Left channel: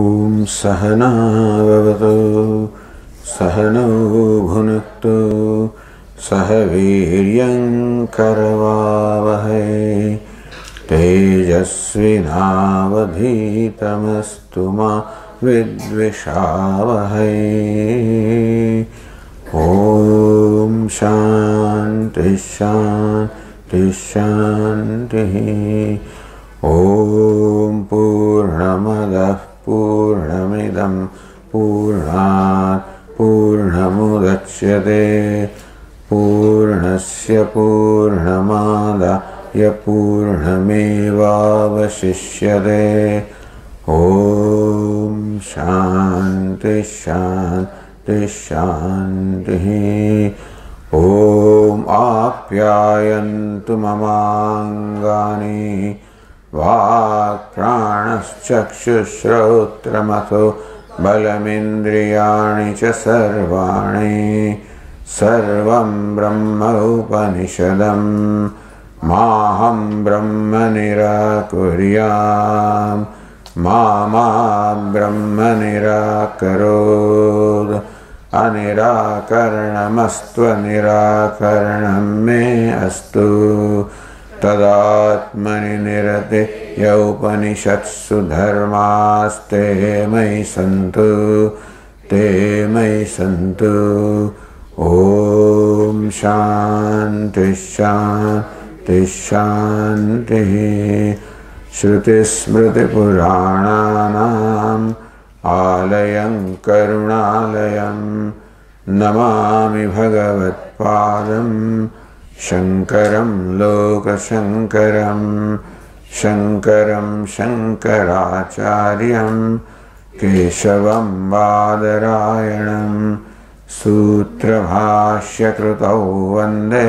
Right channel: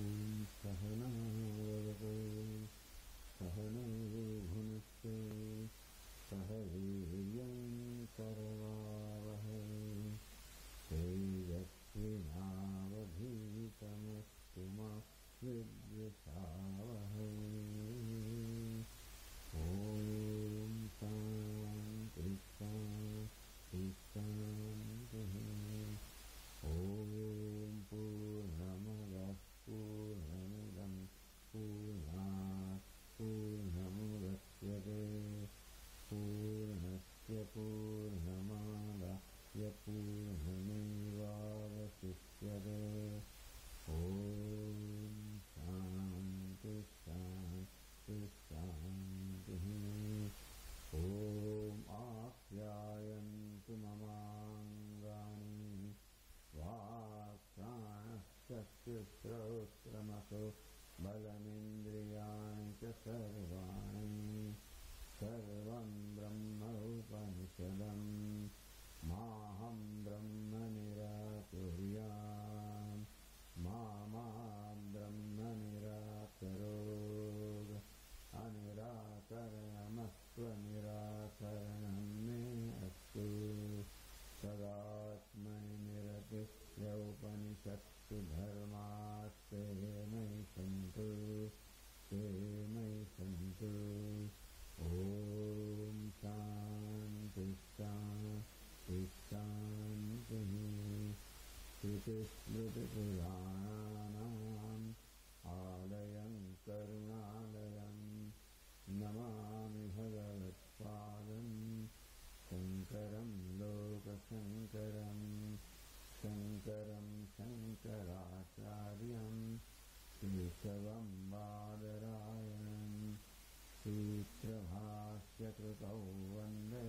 Om Sahana Vavatu Sahano Bhunaktu Sahaviryam Karavavahai Tejasvinavadhitamastu ma Vidvishavahai. Om Shanti Shanti Shanti. Om Purnamadah Purnamidam Purnat Purnamudachyate Purnasya Purnamadaya Purnamevavashishyate. Om Shanti Shanti Shanti. Om Apyayantu Mamangani Vak Pranaschakshushrotramatho Balamindriyani cha sarvani Sarvam Brahma Upanishadam Maham Brahma Nirakuryam Mama Brahma Nirakarod Anirakaranamastu Nirakaranam me astu Tadatmani nirate yaupanishatsu dharmaste mai santu te mai santu. Om Shanti Shanti Shanti. Shruti Smriti Purananam Alayam Karunalayam Namami Bhagavat Padam Shankaram Loka Shankaram Shankaram Shankaracharyam Keshavam Badarayanam Sutra Bhashya Krutau Vande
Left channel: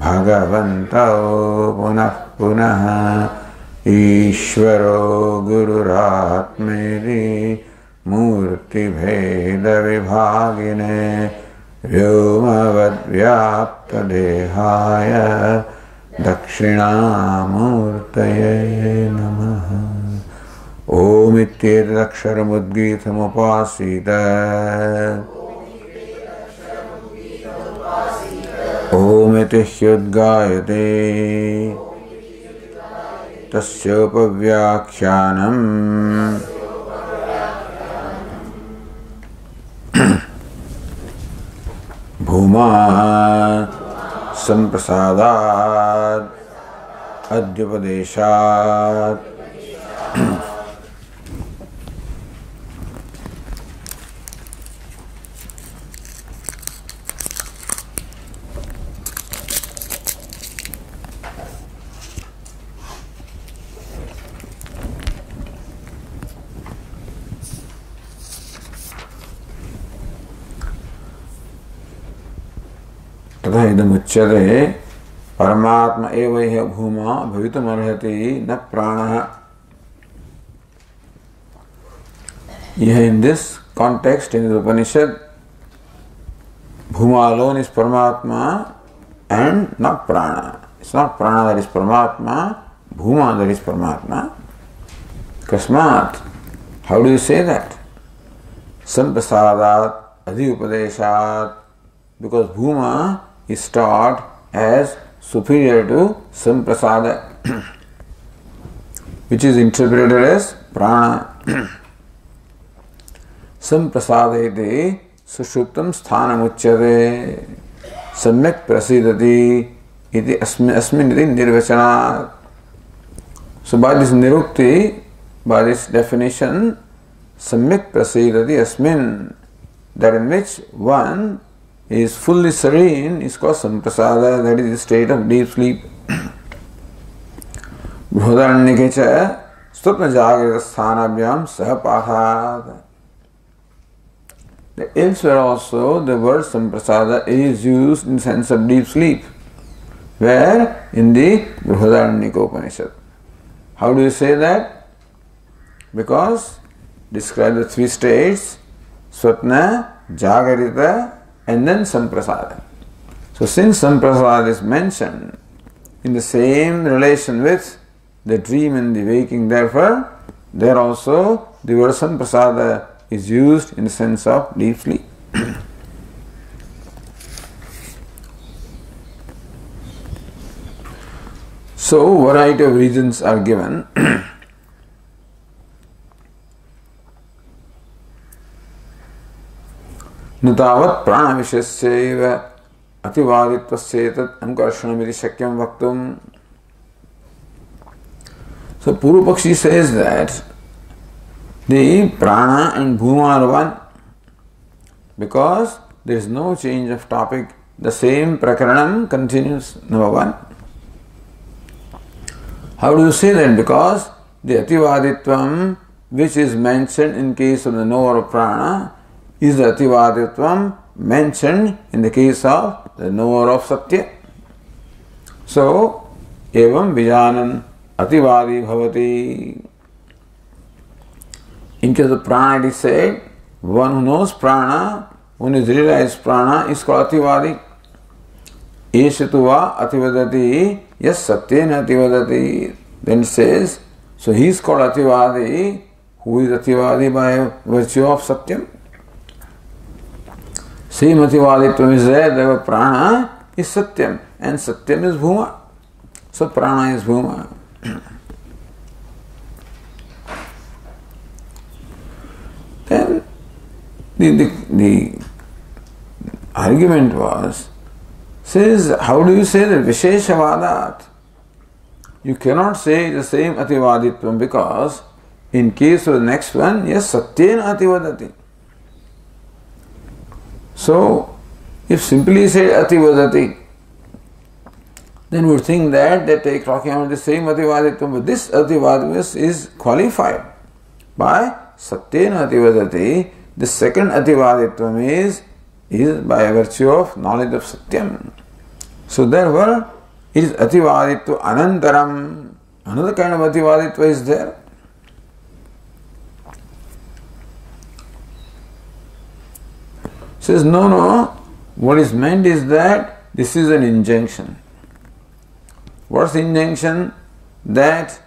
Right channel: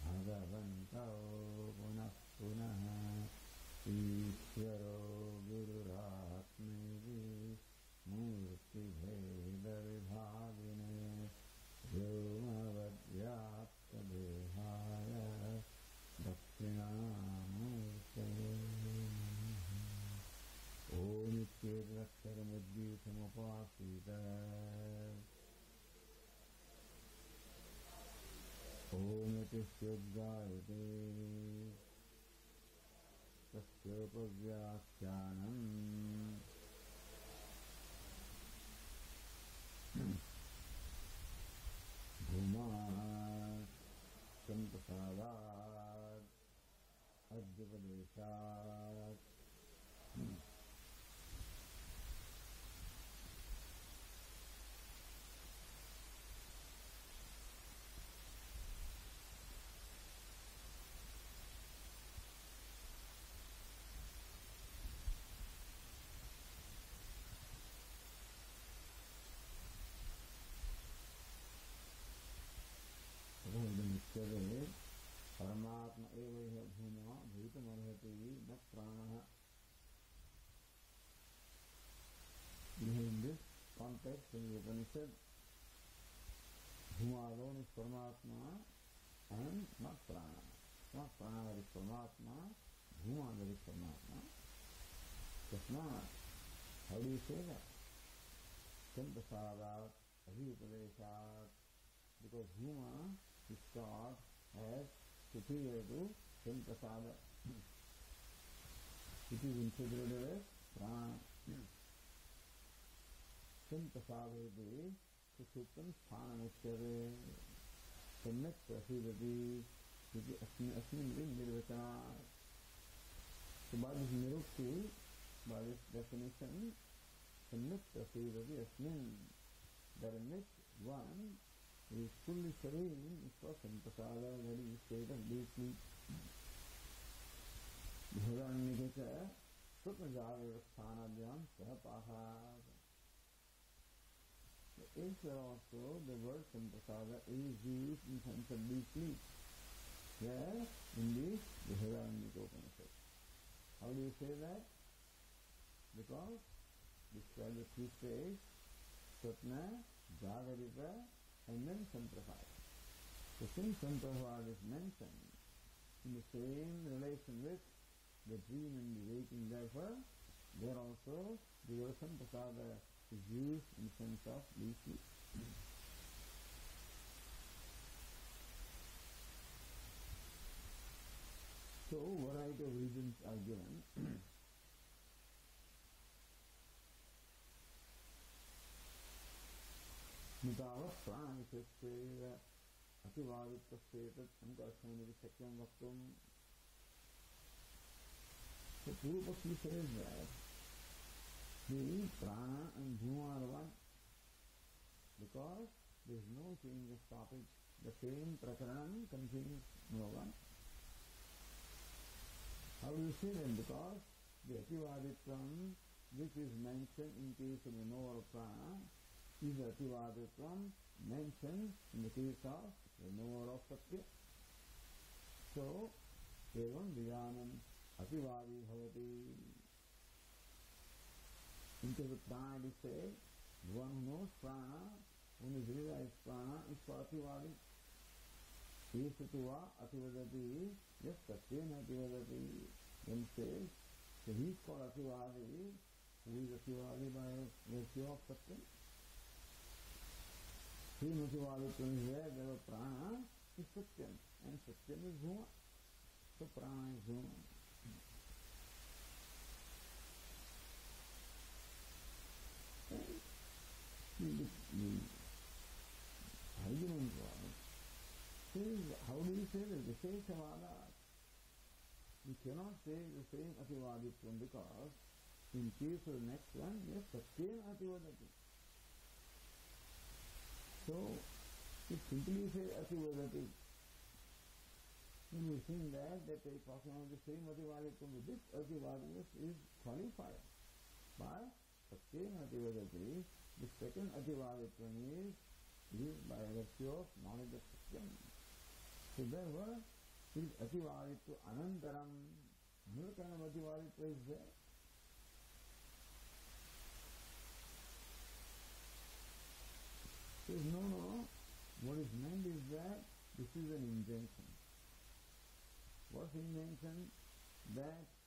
Bhagavantau Punah Punah Ishvaro Gururatmeri Murti Bheda Vibhagine Vyomavad Vyapta Dehaya Dakshinamurtaye Namaha. Om Ityetaksharamudgitam upasita Om Itihyudgayate Tasyopavyakhyanam Bhuma Samprasadat Adhyupadeshat. तथा इदमुच्यते परमात्मा एव ह्य भूमा भवितुमर्हति न प्राणः. Here in this context, in the Upanishad, Bhuma alone is Paramatma and not Prana. It's not Prana that is Paramatma, Bhuma that is Paramatma. Kasmat, how do you say that? Samprasadat Adhyupadeshat, because Bhuma is taught as superior to Samprasada, which is interpreted as Prana. Samprasadeti sushuptam sthanam uchyate samyak prasidati iti asmin iti nirvachanat. So by this nirukti, by this definition, samyak prasidati asmin, that in which one is fully serene, is called samprasada, that is the state of deep sleep. Bhudaranyake cha stupna jagrita sthanabhyam sahapathat. Elsewhere also the word samprasada is used in the sense of deep sleep. Where? In the Bhudaranyaka Upanishad. How do you say that? Because describe the three states, Swapna, Jagarita, and then Samprasada. So since Samprasada is mentioned in the same relation with the dream and the waking, therefore there also the word Samprasada is used in the sense of deeply. So, variety of reasons are given. Natavat prana vishyasyaiva ativaditvasyetad ankarshanamiti shakyam vaktum. So, Purupakshi says that the prana and bhuma are one because there is no change of topic. The same prakaranam continues, number one. How do you say that? Because the ativaditvam which is mentioned in case of the knower of prana is the ativaditvam mentioned in the case of the knower of satya. So, evam vijanan ativadi bhavati. In case of prana it is said, one who knows prana, one is realized prana is called ativadi. Eshatuva ativadati yes satyena ativadati. Then it says, so he is called ativadi, who is ativadi by virtue of satyam. Same ativaditvam is there, the prana is satyam and satyam is bhuma. So prana is bhuma. Then the argument was, says, how do you say that Visheshavadat? You cannot say the same ativaditvam because in case of the next one, yes, satyena ativadati. So, if simply say ativadati, then we would think that they take talking about the same ativaditvam, but this ativaditvam is qualified by satyena ativadati. The second ativaditvam is by virtue of knowledge of satyam. So therefore, it is ativaditva anantaram. Another kind of ativaditva is there. Says no. What is meant is that this is an injunction. What's the injunction? That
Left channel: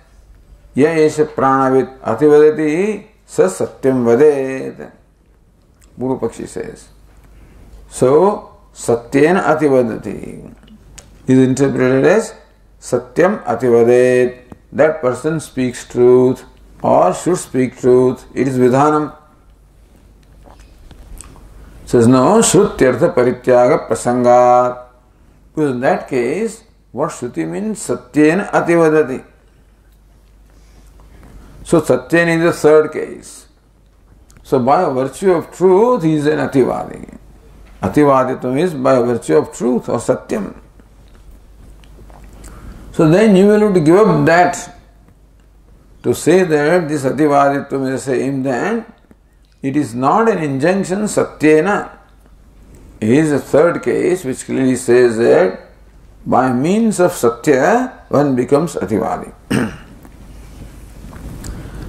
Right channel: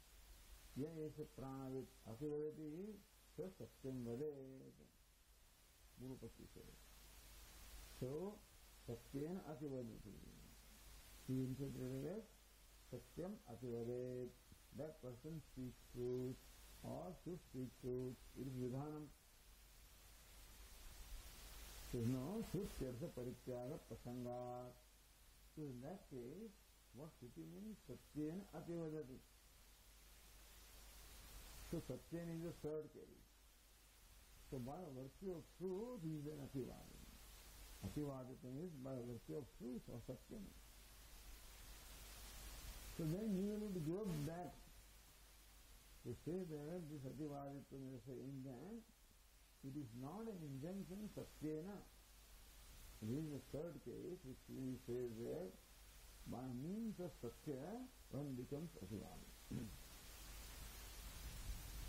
ya esha pranavit ativadati sa satyam vadet. Purupakshi says. So, satyena ativadati is interpreted as satyam ativadet. That person speaks truth or should speak truth. It is vidhanam. Says no, shrutyartha parityaga prasangat. Because in that case, what shruti means? Satyena ativadati. So satyena is the third case. So by virtue of truth, he is an ativadi. Ativaditvam is by virtue of truth or satyam. So then you will have to give up that to say that this ativaditvam is the same. Then it is not an injunction satyena. It is a third case which clearly says that by means of satya one becomes ativadi.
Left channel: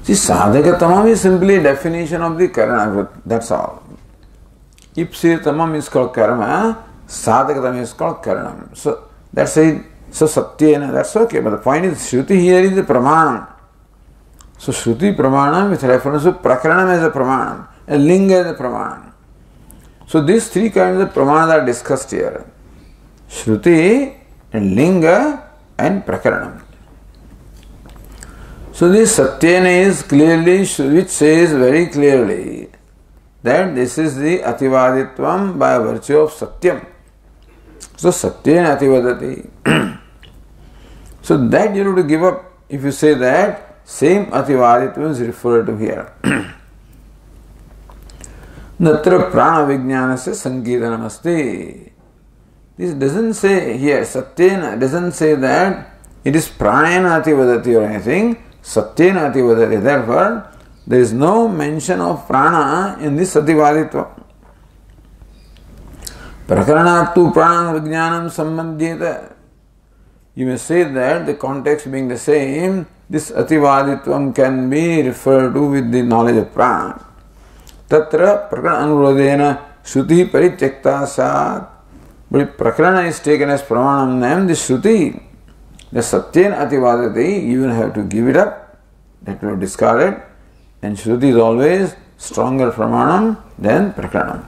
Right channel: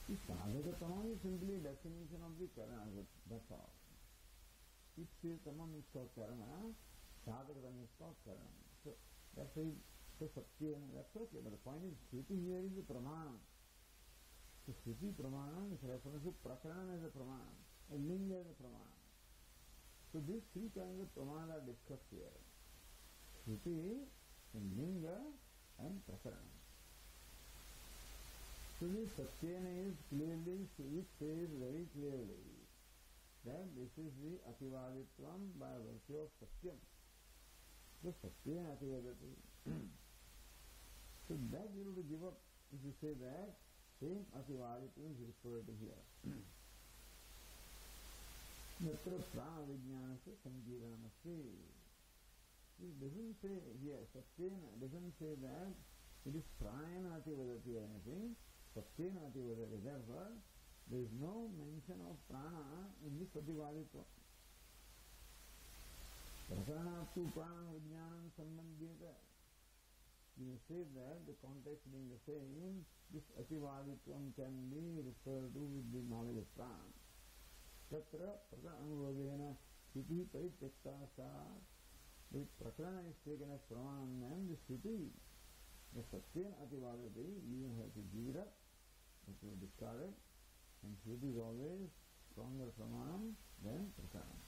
See, sadhakatamam is simply a definition of the karana. That's all. Ipsir is called karma, sadhakatam is called karanam. So that's it. So satyena, that's okay. But the point is, Shruti here is the pramanam. So Shruti pramanam with reference to prakaranam as a pramanam, and linga as a pramanam. So these three kinds of pramanas are discussed here. Shruti and linga and prakaranam. So this satyena is clearly, which says very clearly that this is the ativaditvam by virtue of satyam. So satyena ativadati. So that you have to give up if you say that same ativaditvam is referred to here. Natra prana vijnanasya sanketanam asti. This doesn't say here, satyena doesn't say that it is pranayana ativadati or anything. Satyena ativadati. Therefore, there is no mention of prana in this ativaditva. Prakaranatu prana vijnanam sambandhyeta. You may say that the context being the same, this ativaditvam can be referred to with the knowledge of prana. Tatra prakarana anurodhena shruti parityakta sat. But if prakarana is taken as pramanam, then the shruti, the satyena ativadati, you will have to give it up. That will be discarded. And Shruti is always stronger pramanam than Prakaranam.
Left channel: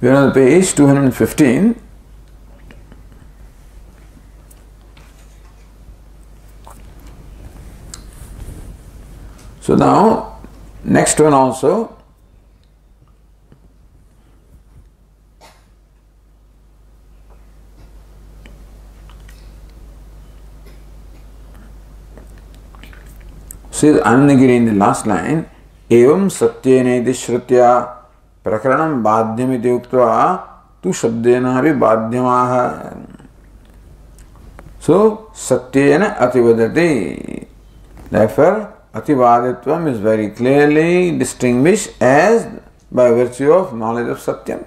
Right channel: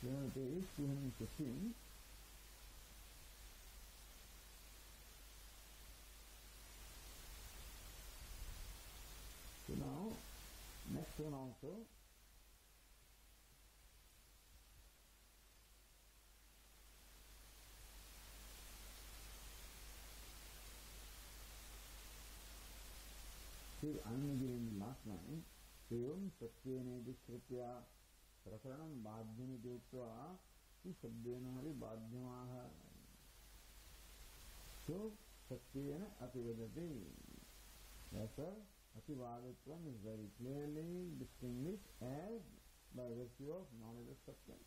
We are on the page 215. So now, next one also. Says Anandagiri in the last line, Evam satyene dishrutya prakaranam badhyamiti uktva tu shabdena api badhyamaha. So, satyena ativadati. Therefore, ativaditvam is very clearly distinguished as by virtue of knowledge of satyam.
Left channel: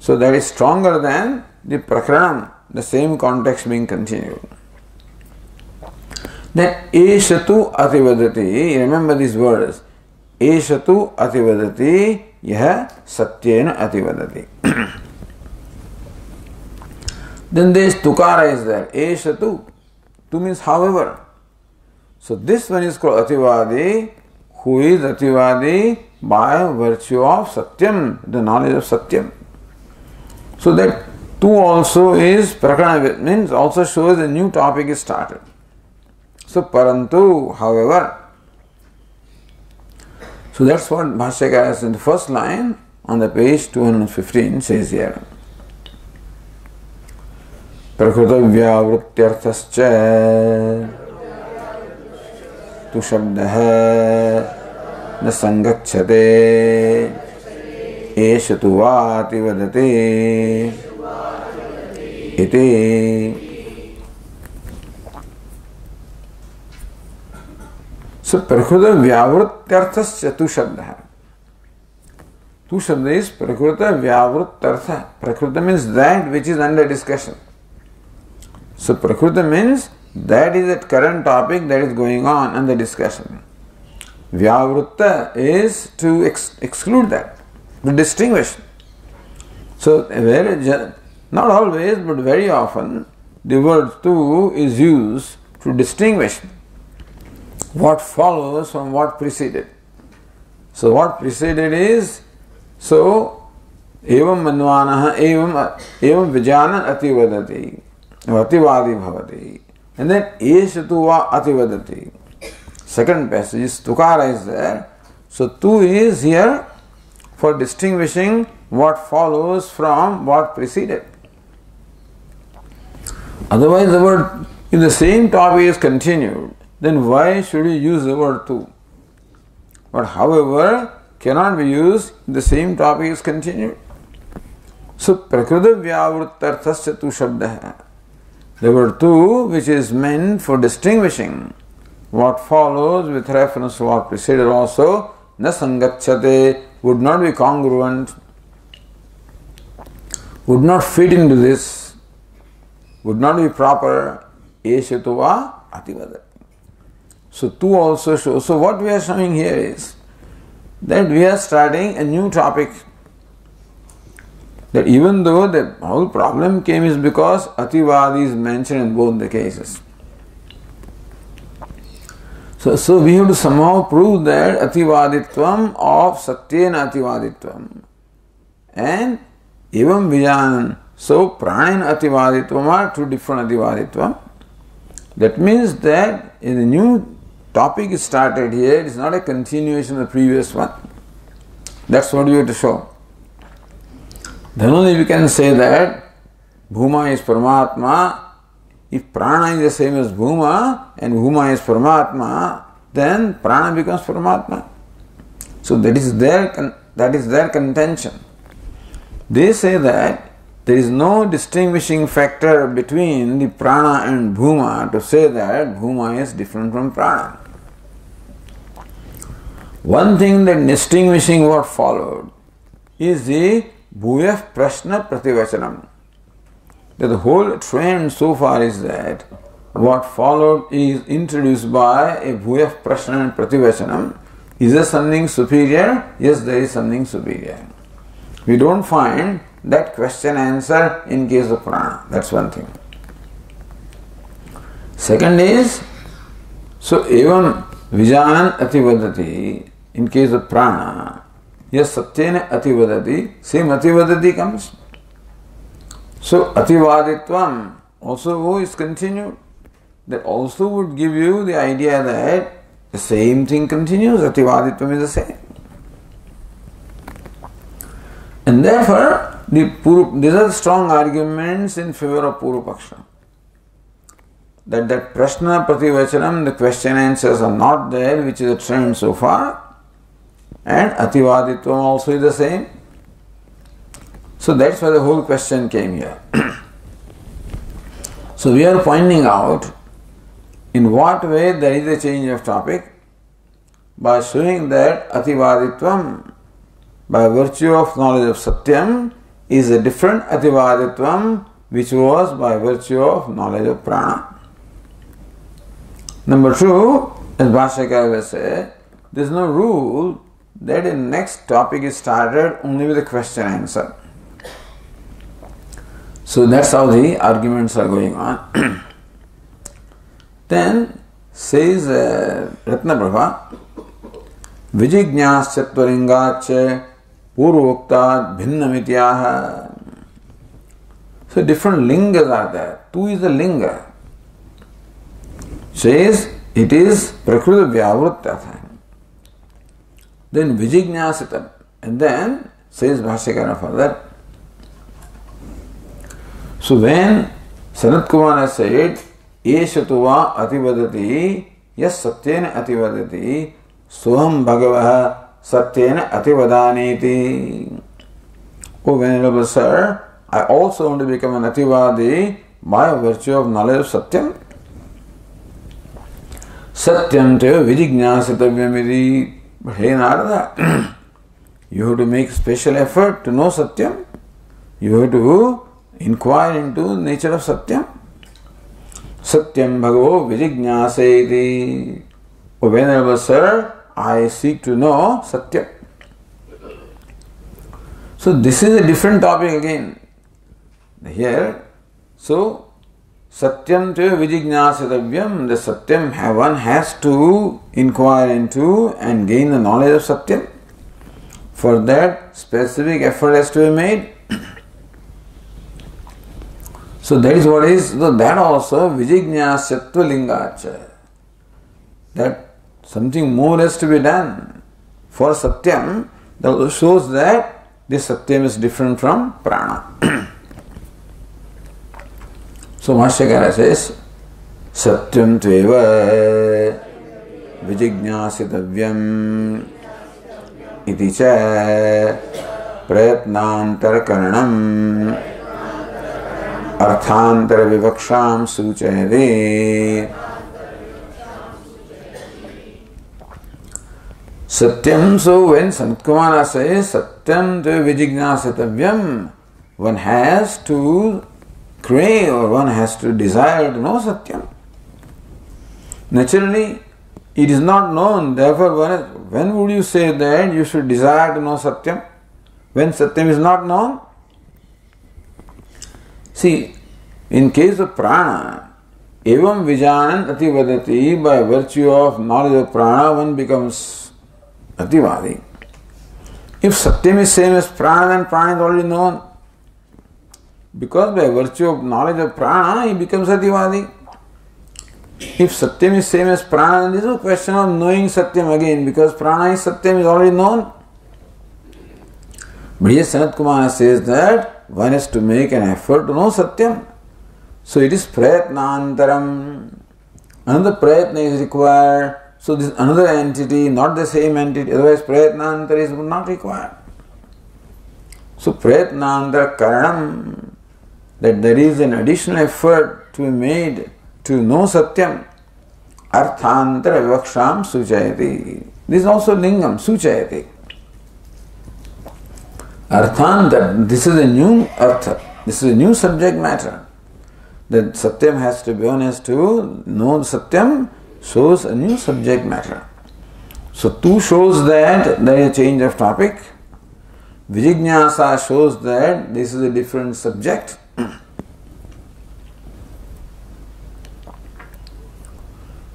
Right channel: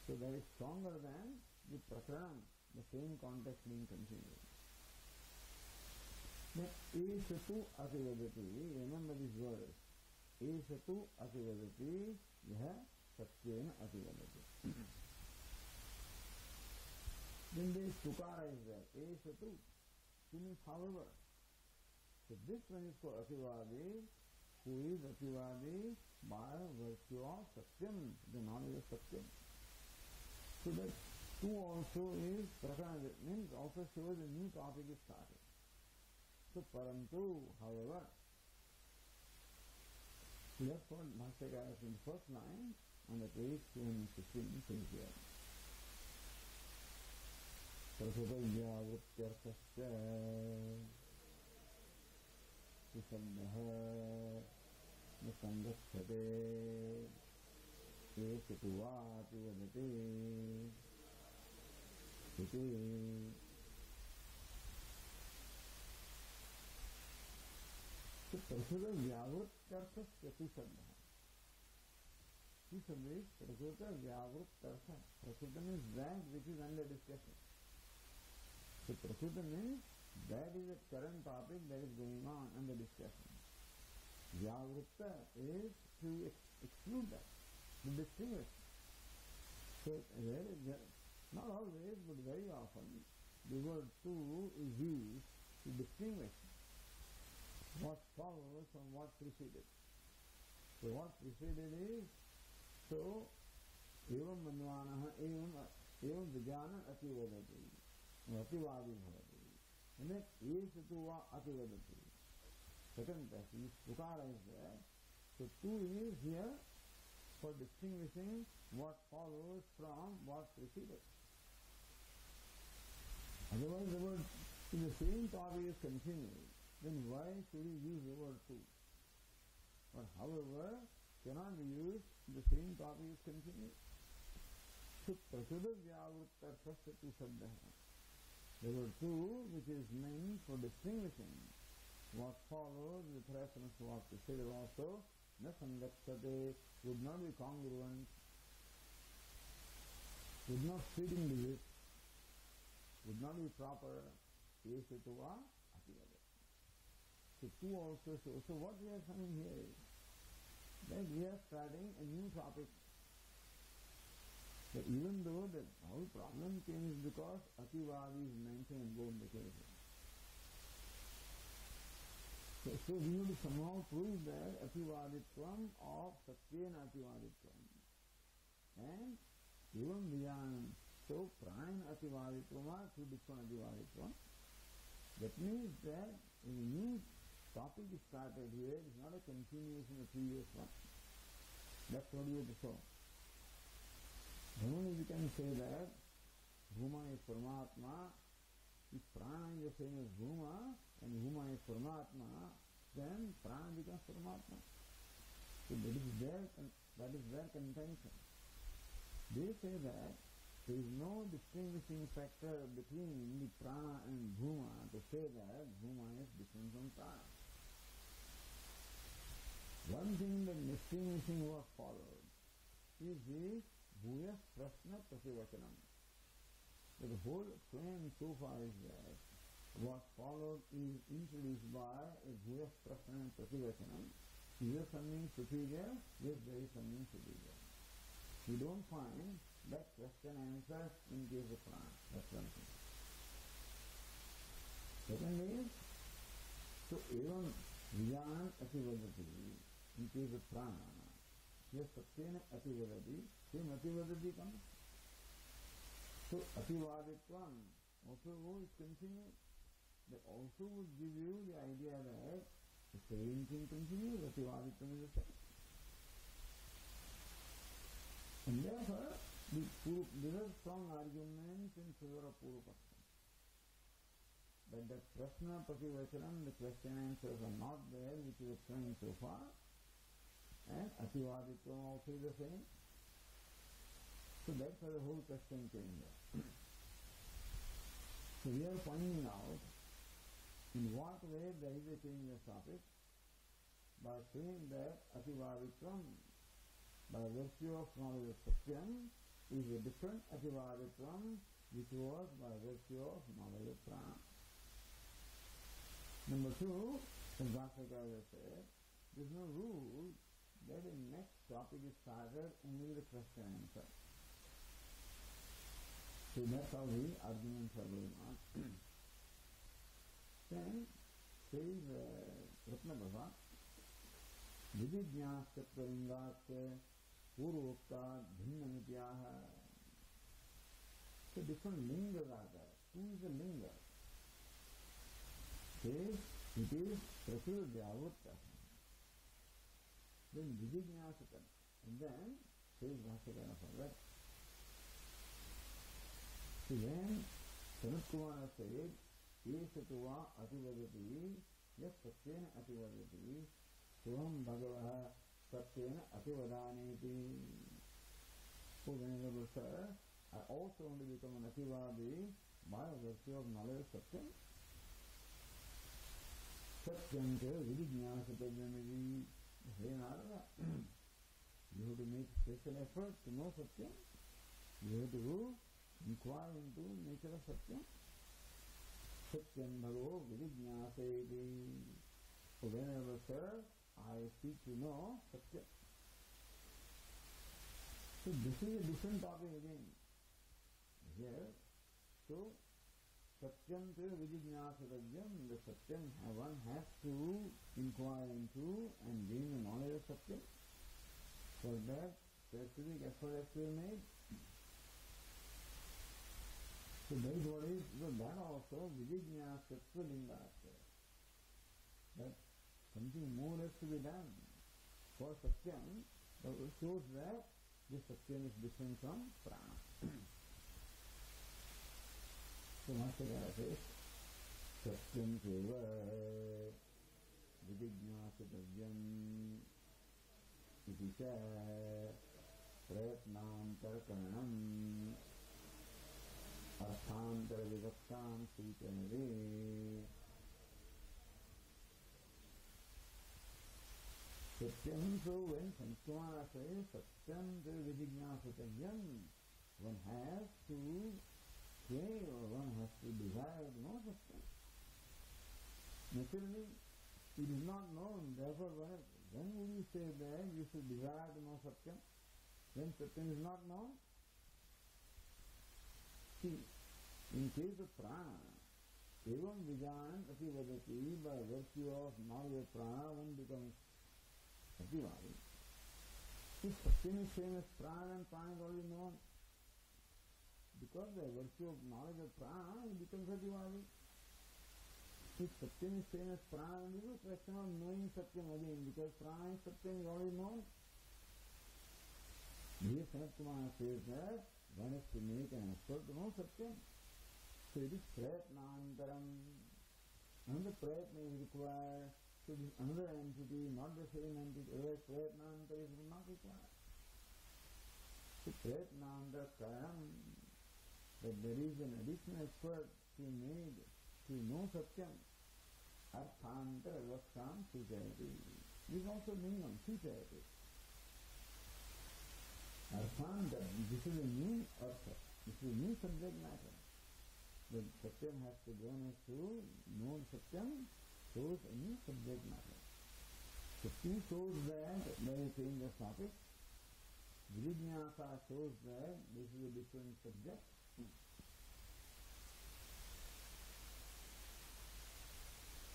So, that is stronger than the prakaranam, the same context being continued. Then Eshatu ativadati, remember these words. Eshatu ativadati, yaha satyena ativadati. Then this tukara is there. Eshatu. Tu means however. So this one is called ativadi, who is ativadi by virtue of satyam, the knowledge of satyam. So that tu also is prakarana, means also shows a new topic is started. So parantu, however. So that's what Bhashyakara in the first line on the page 215 says here. Prakrutavyavrutyarthascha tu shabdah na sangacchate esha tu vati vadate iti. So, Prakruta Vyavrutyarthasya tu shabda. Tu shabda is Prakruta Vyavrutyartha. Prakruta means that which is under discussion. So, Prakruta means that is that current topic that is going on under discussion. Vyavrutta is to exclude that, to distinguish. So, not always, but very often, the word tu is used to distinguish what follows from what preceded. So what preceded is, so evam manvanaha evam vijana ativadati ativadi bhavati, and then eshatu va ativadati. Second passage is tukara is there. So tu is here for distinguishing what follows from what preceded. Otherwise the word, if the same topic is continued, then why should you use the word tu? But however, cannot be used if the same topic is continued. So, prakruta vyavrutarthasya tu shabdah. The word tu, which is meant for distinguishing what follows with reference to what preceded also, na sangacchate, would not be congruent, would not fit into this, would not be proper, eshetuva ativada. So tu also shows. So what we are showing here is that we are starting a new topic. That even though the whole problem came is because ativadi is mentioned in both the cases. So we have to somehow prove that ativaditvam of satyena ativaditvam and evam vijanan. So prana and ativaditvam are two different ativaditvam. That means that in the new topic is started here, it is not a continuation of the previous one. That's what we have to show. Then only we can say that Bhuma is Paramatma. If Prana is the same as Bhuma and Bhuma is Paramatma, then Prana becomes Paramatma. So that is their contention. They say that there is no distinguishing factor between the Prana and Bhuma to say that Bhuma is different from Prana. One thing that distinguishing what followed is the Bhuyah Prashna Prativachanam. That the whole trend so far is that what followed is introduced by a Bhuyah Prashna and Prativachanam. Is there something superior? Yes, there is something superior. We don't find that question answer in case of Prana. That's one thing. Second is So, evam vijanan ativadati, in case of prana, yes, satyena ativadati, same ativadati comes. So, ativaditvam also is continued. That also would give you the idea that the same thing continues, ativaditvam is the same. And therefore, these are strong arguments in favor of Purva-paksha. That prashna prativachanam, the question answers are not there, which is a trend so far, and ativaditvam also is the same. So that's why the whole question came here. So we are pointing out in what way there is a change of topic by showing that ativaditvam, by virtue of knowledge of Satyam, is a different ativaditvam which was by virtue of knowledge of prana. Number two, as Bhashyakara will say, there is no rule that the next topic is started only with a question answer. So that's how the arguments are going on. Then says Ratnaprabha, Vijignyasyattvalingache Purvokta Bhinnamityah. So different lingas are there. Two is the linga. Says it is Prakruta Vyavruttata. Then Vijignyasitam. And then says Bhashyakara further. So when Sanat Kumara said, Eshatuva ativadati, yes satyena ativadati, soham bhagavah satyena ativadaniti. Oh Venerable Sir, I also want to become an ativadi by virtue of knowledge of Satyam. Satyam te vijignyasitavyamidi. But hey Narada, you have to make special effort to know Satyam. You have to inquire into the nature of Satyam. Satyam bhagavo vijignyaseti. O Venerable Sir, I seek to know Satyam. So this is a different topic again. Here, so Satyam te vijignyasitavyam, the Satyam one has to inquire into and gain the knowledge of Satyam. For that, specific effort has to be made. So that is what is, so that also vijignyasyattva lingacha. That something more has to be done. For Satyam, that shows that this Satyam is different from prana. So Bhashyakara says, Satyam tveva vijignyasitavyam iti cha prayatnantar karanam arthantara vivaksham suchayade. Satyam, so when Sant Kumara says Satyam tveva vijignyasitavyam, one has to crave or one has to desire to know Satyam. Naturally, it is not known, therefore when would you say that you should desire to know Satyam? When Satyam is not known? See, in case of prana, evam vijanan ativadati, by virtue of knowledge of prana, one becomes ativadi. If Satyam is same as prana, then prana is already known. Because by virtue of knowledge of prana, he becomes ativadi. If Satyam is same as prana, then there is no question of knowing Satyam again, because prana is Satyam is already known. But here Sanat Kumara says that one has to make an effort to know Satyam. So it is prayatnantaram. Another prayatna is required. So this another entity, not the same entity, otherwise prayatnantara is not required. So prayatnantara karanam, that there is an additional effort to be made to know Satyam. Arthantara vivaksham suchayati. This is also lingam, suchayati. Arthantara, this is a new artha, this is a new subject matter. That Satyam has to be honest to know Satyam shows a new subject matter. So two shows that there is a change of topic. Vijignyasa shows that this is a different subject.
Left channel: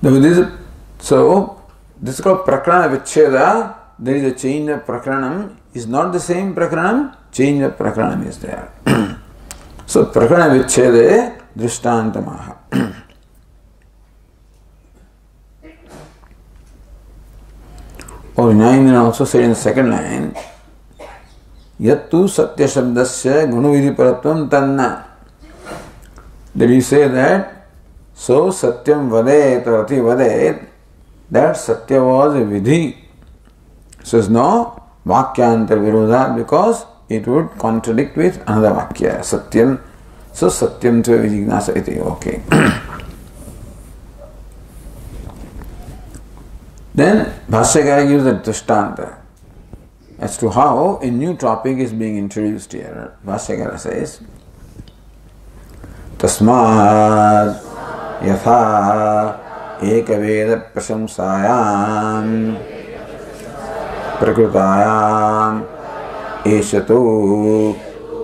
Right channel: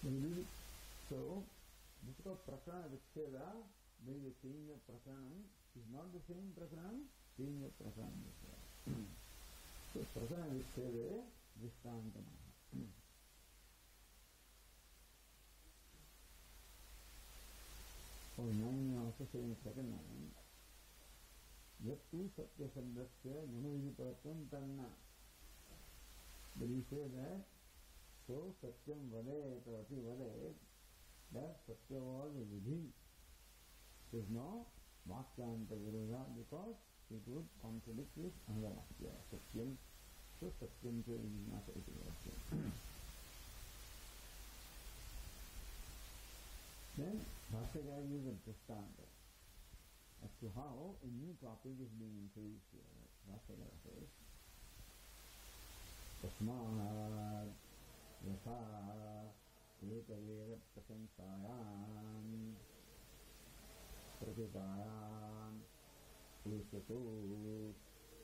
This So, this is called Prakrana Vichcheda. There is a change of Prakranam. Is not the same Prakranam, change of Prakranam is there. So, Prakrana Vichchede Drishtantamaha. Or Nyayan also said in the second line, Yattu Satya Shabdasya Gunavidhi Paratvam Tanna. Did he say that? So Satyam Vadet or Ati Vadet, that Satya was a Vidhi. So there's no Vakyanta Virodha because it would contradict with another Vakya. Satyam. So Satyam Tva Vijignasa iti. Okay. Then Bhashyakara gives a Drishtanta as to how a new topic is being introduced here. Bhashyakara says, Tasmad Yatha Ekaveda Prasamsayam Prakrutayam Eshatu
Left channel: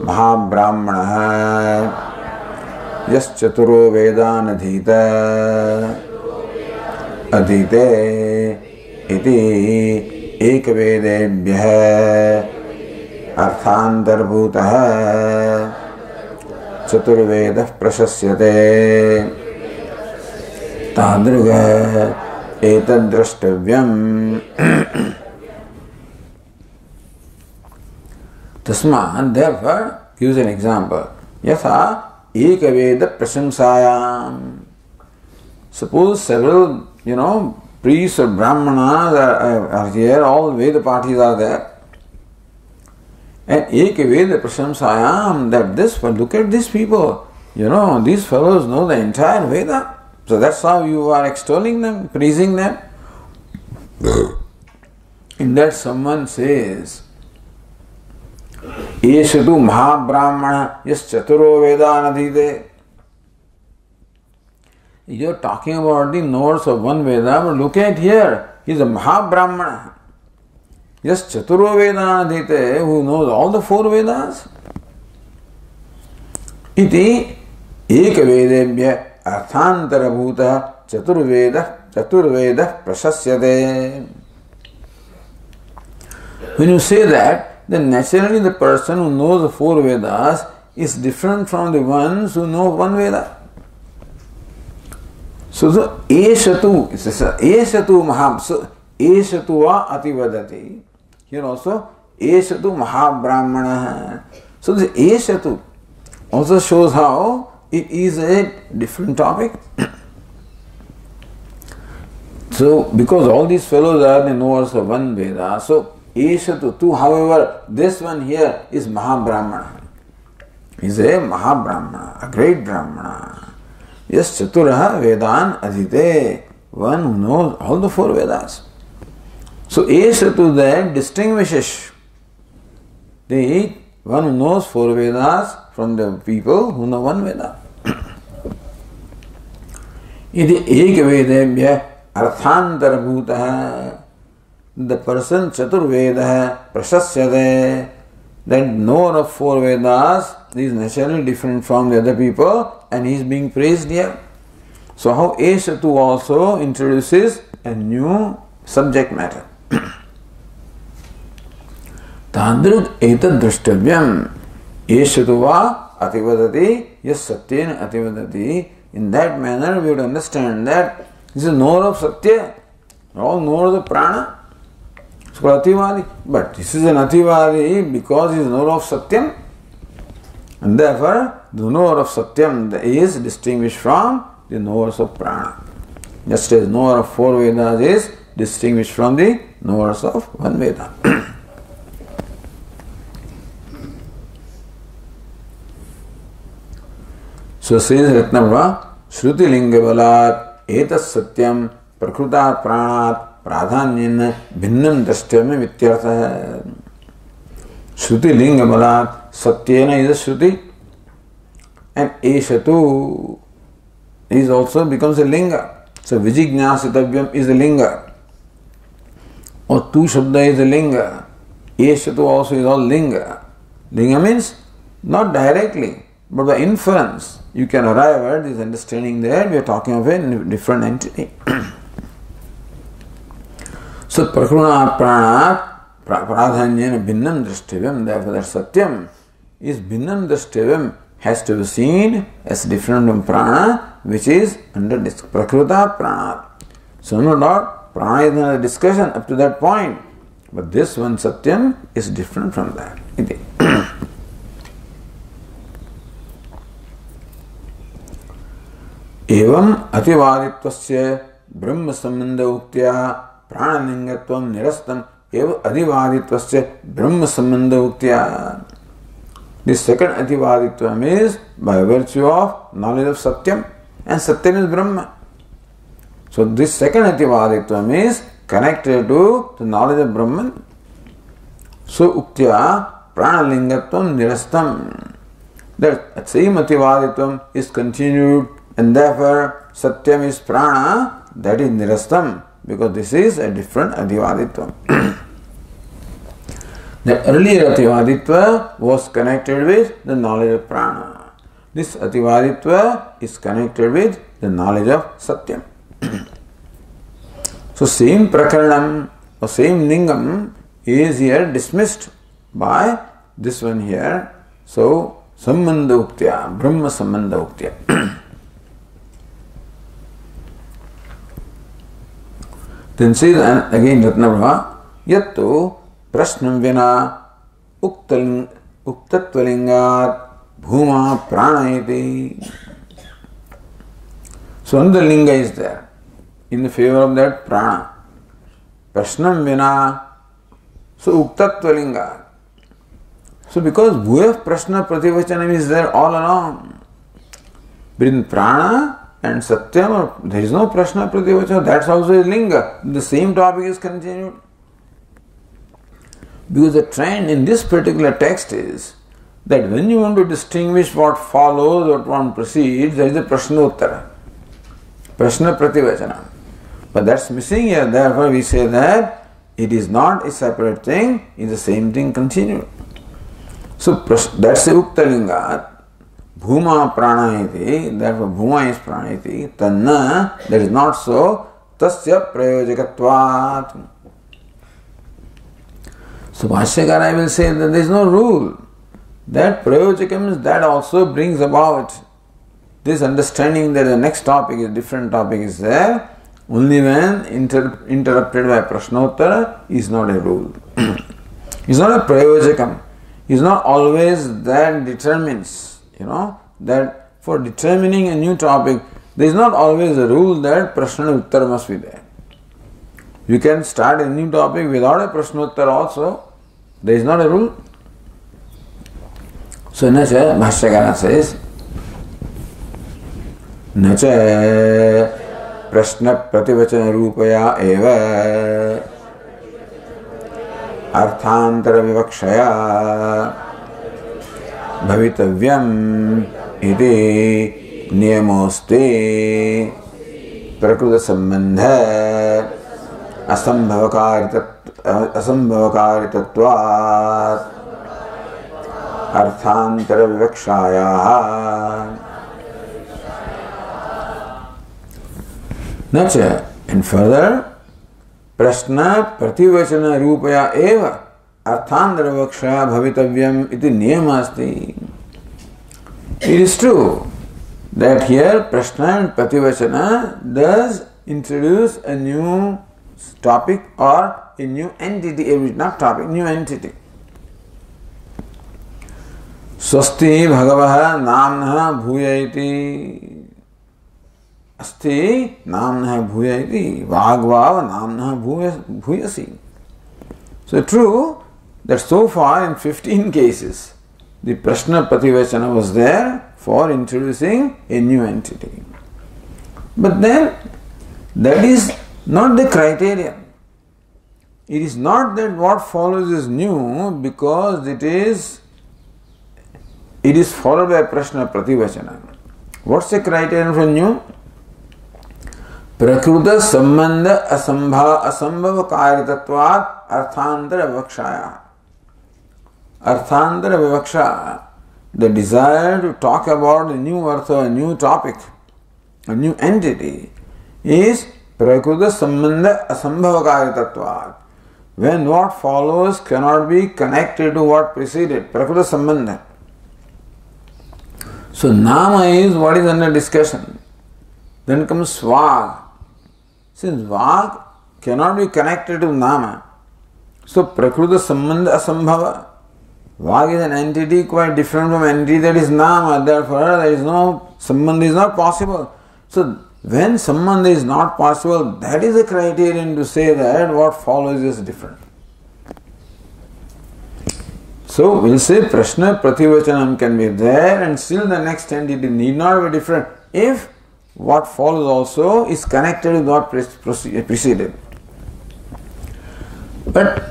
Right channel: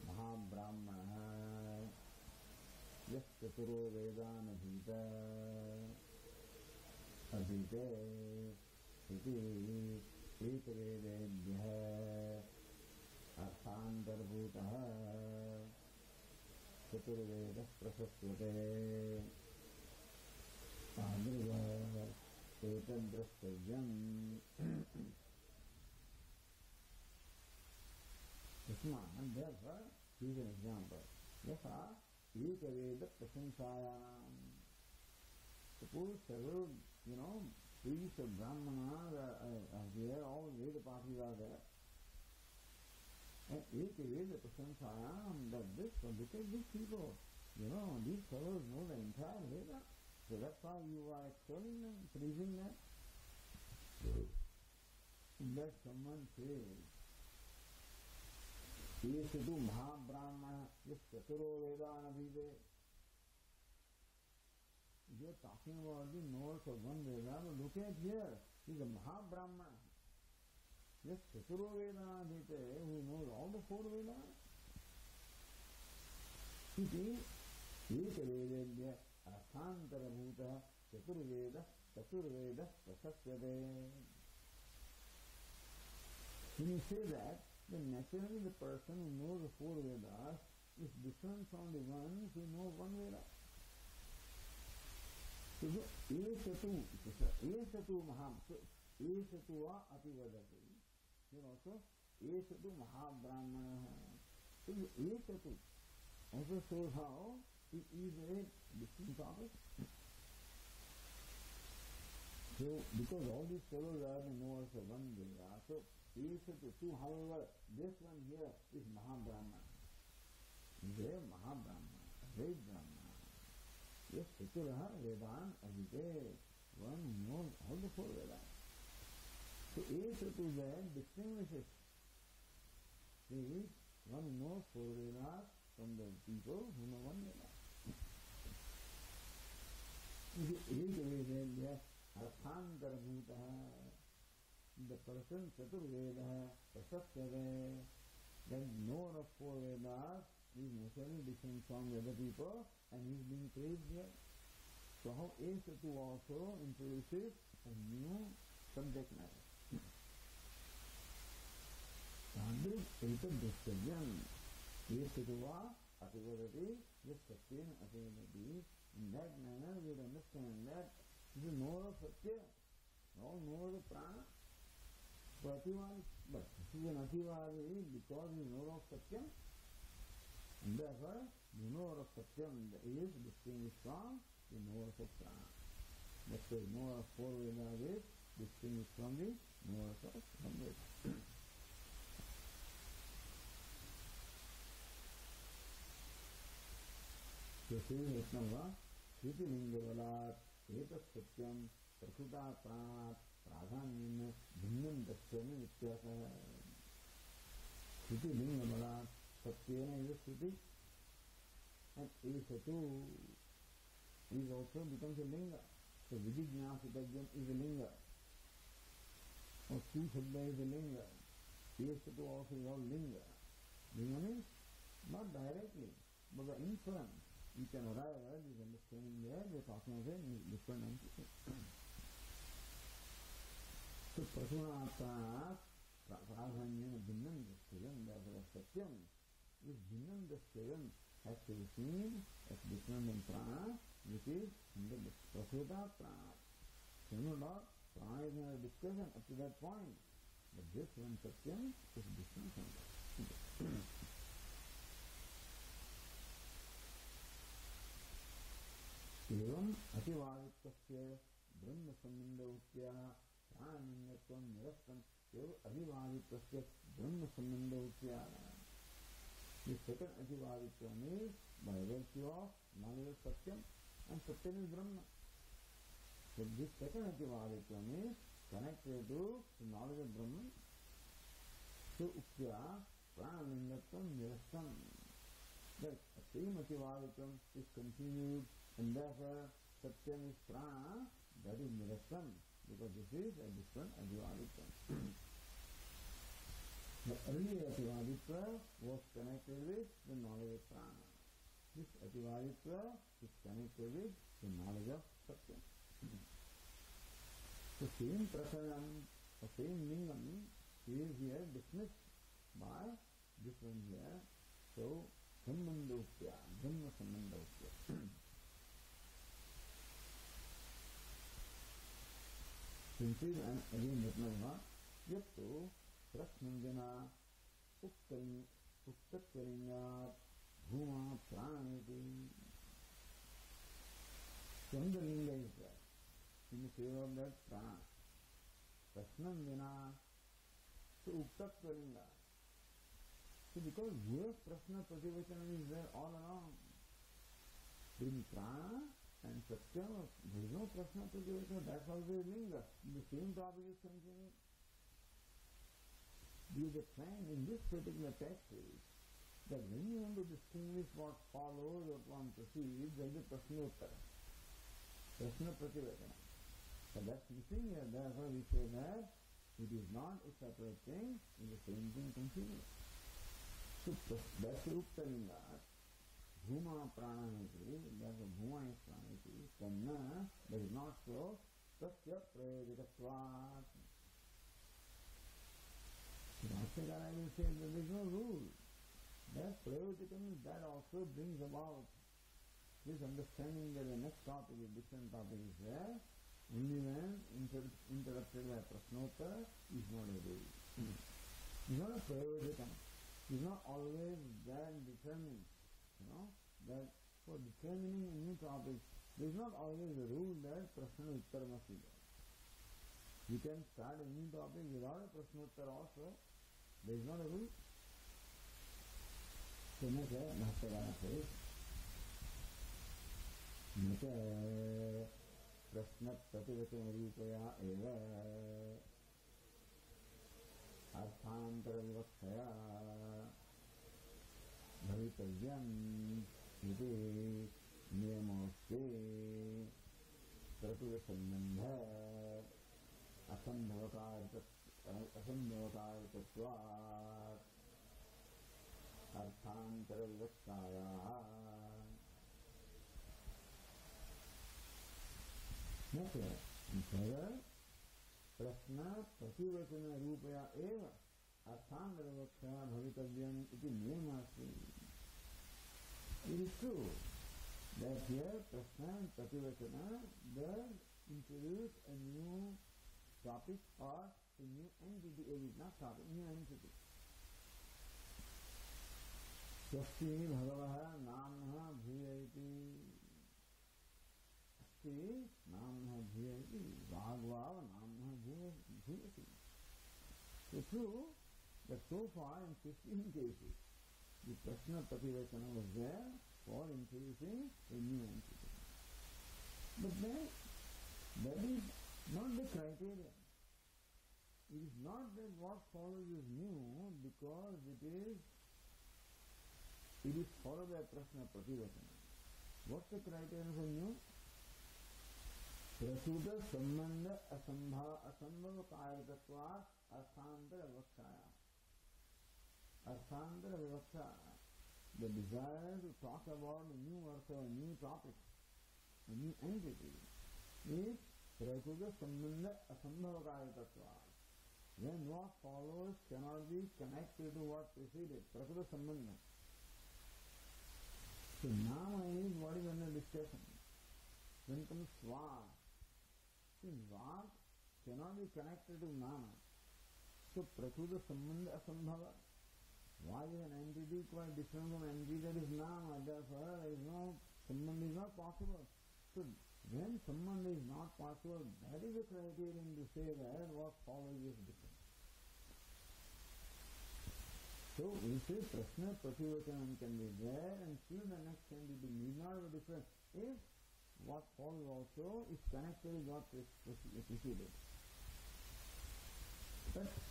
Mahabrahmana Yaschaturo Vedanadhita Adite iti ekvedebhyah arthantarabhutah chaturvedah prasasyate tadruga etaddrashtavyam. Tasman, therefore, gives an example. Yatha ekaveda prasamsayam. Suppose several, priests or brahmanas are here, all Veda parties are there. And ekaveda prasamsayam, that this, look at these people. These fellows know the entire Veda. So that's how you are extolling them, praising them. In that someone says, Eshatu Mahabrahmana Yas Chaturo Vedanadhite. You're talking about the knowers of one Veda, but look at here, he's a Mahabrahmana. Yas Chaturo Vedanadhite, who knows all the four Vedas. Iti Ekavedebhya Arthantarabhuta Chaturveda Prasasyate. When you say that, then naturally the person who knows the four Vedas is different from the ones who know one Veda. So the Eshatu, it says Eshatu Mahab, so Eshatu va Ativadati. Here also Eshatu Mahabrahmana. So the Eshatu also shows how it is a different topic. So because all these fellows are the knowers of one Veda, so Eshatu tu, however, this one here is Mahabrahmana. He is a Mahabrahmana, a great Brahmana. Yes, Chaturaha Vedan Adhite, one who knows all the four Vedas. So Eshatu then distinguishes the one who knows four Vedas from the people who know one Veda. Iti Ekavedebhya Arthantarabhutah. The person Chaturveda Prasasyate, that knower of four Vedas is naturally different from the other people and he is being praised here. So how Eshatu also introduces a new subject matter. Tadruk etad drashtavyam Eshatu va ativadati yas satyena ativadati. In that manner we would understand that this is a knower of Satya, all knowers of Prana. It's called Ativadi. But this is an Ativadi because he is knower of Satyam. And therefore, the knower of Satyam is distinguished from the knowers of Prana. Just as knower of four Vedas is distinguished from the knowers of one Veda. So says Ratnava, Shruti Linga Balat, Etas Satyam, Prakrutat Pranat, Pradhanyan Bhinnam Drastyam Vityartha. Shruti Linga Balat, Satyena is a Shruti, and Eshatu is also becomes a Linga. So Vijignyasitavyam is a Linga. Or Tu Shabda is a Linga. Eshatu also is all Linga. Linga means not directly, but by inference. You can arrive at this understanding that we are talking of a different entity. So prakruna prana pradhanyena bhinnam drashtivyam. Therefore that satyam is bhinnam drashtivyam, has to be seen as different from prana, which is under prakruta prana. So no doubt, prana is another discussion up to that point. But this one satyam is different from that. Evam ativadittvasya brahma sambandha uktya pranalingatvam nirastam eva adivadittvasya brahma sambandha uktya. This second ativaditvam is by virtue of knowledge of satyam, and satyam is brahma. So this second ativaditvam is connected to the knowledge of Brahman. So uktya pranalingatvam nirastam. That same ativaditvam is continued, and therefore satyam is prana, that is nirastam, because this is a different ativaditvam. The earlier ativaditva was connected with the knowledge of prana. This ativaditva is connected with the knowledge of satyam. So same prakaranam or same lingam is here dismissed by this one here. So sambandha uktya, brahma sambandha uktya. Then says again Ratnabhava, yattu prashnam vina uktatvalingat bhuma pranayati. So another linga is there in the favor of that prana. Prashnam vina, so uktatvalingat. So because bhuya prashna prativachanam is there all along. But in prana and satyam, there is no prashna prativachanam, that's also a linga. The same topic is continued. Because the trend in this particular text is that when you want to distinguish what follows or what one proceeds, there is a prashnottara, prashna prativachanam. But that's missing here. Therefore we say that it is not a separate thing, it is the same thing continued. So that's the uktalinga. Bhuma pranayati, therefore bhuma is pranayati. Tanna, that is not so. Tasya prayojakatvat. So Bhashyakara will say that there is no rule. That prayojakam, that also brings about this understanding that the next topic is different topic is there. Only when interrupted by prashnottara is not a rule. It's not a prayojakam. It's not always that determines, that for determining a new topic, there is not always a rule that prashnottara must be there. You can start a new topic without a prashnottara also. There is not a rule. So Nacha, Bhashyakara says, Nacha prashna prativachana rupaya eva arthantara vivakshaya bhavitavyam iti niyamoste prakruta sambandha asambhavakaritatvat arthantara vivakshaya. Nacha, and further, prashna prativachana rupaya eva arthantara vivakshaya bhavitavyam iti niyamasti. It is true that here prashna and prativachana does introduce a new topic or a new entity, not topic, new entity. Swasti bhagavah namnah bhuya iti. Asti namnah bhuya iti. Vagvav namnah bhuyasi. So true that so far in 15 cases, the prashna prativachana was there for introducing a new entity. But then, that is not the criterion. It is not that what follows is new because it is followed by prashna prativachana. What's the criterion for new? Prakruta sambandha asambhava karitatvat arthantara vivakshaya. Arthantara vivaksha, the desire to talk about a new artha, a new topic, a new entity, is Prakruta Sambandha Asambhavakaritatvat. When what follows cannot be connected to what preceded. Prakruta Sambandha. So Nama is what is under discussion. Then comes Vag. Since Vag cannot be connected to Nama, so Prakruta Sambandha Asambhava. Vag is an entity quite different from entity that is Nama. Therefore, there is no Sambandha is not possible. So when Sambandha is not possible, that is a criterion to say that what follows is different. So we'll say Prashna Prativachanam can be there and still the next entity need not be different if what follows also is connected with what preceded. But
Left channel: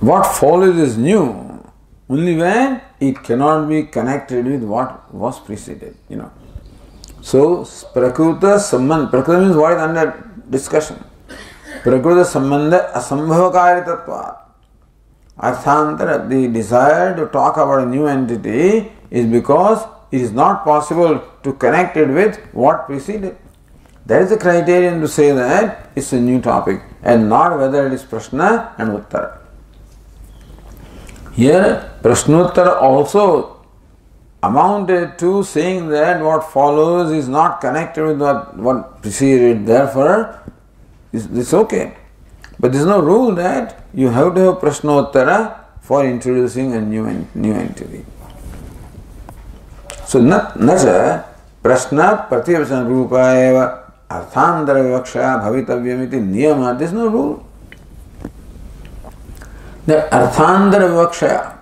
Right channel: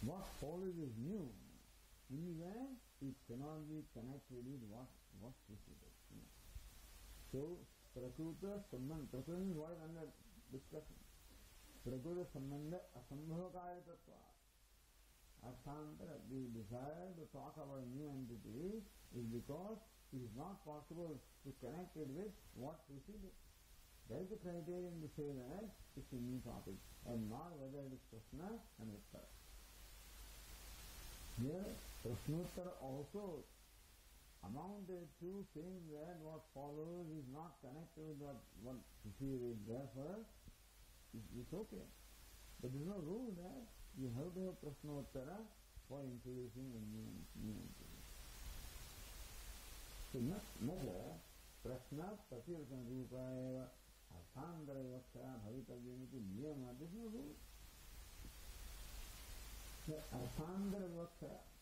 what follows is new only when it cannot be connected with what was preceded. So Prakruta Sambandha, Prakruta means what is under discussion. Prakruta Sambandha Asambhavakaritatvat. Arthantara, the desire to talk about a new entity is because it is not possible to connect it with what preceded. That is the criterion to say that it's a new topic and not whether it is Prashna and Uttara. Here, Prashnottara also amounted to saying that what follows is not connected with what preceded, therefore it's okay. But there is no rule that you have to have Prashnottara for introducing a new entity. So, nacha Prashna Prativacana Rupa eva Arthantara Vivakshaya Bhavitavyamiti Niyama. There is no rule. The Arthantara Vivakshaya.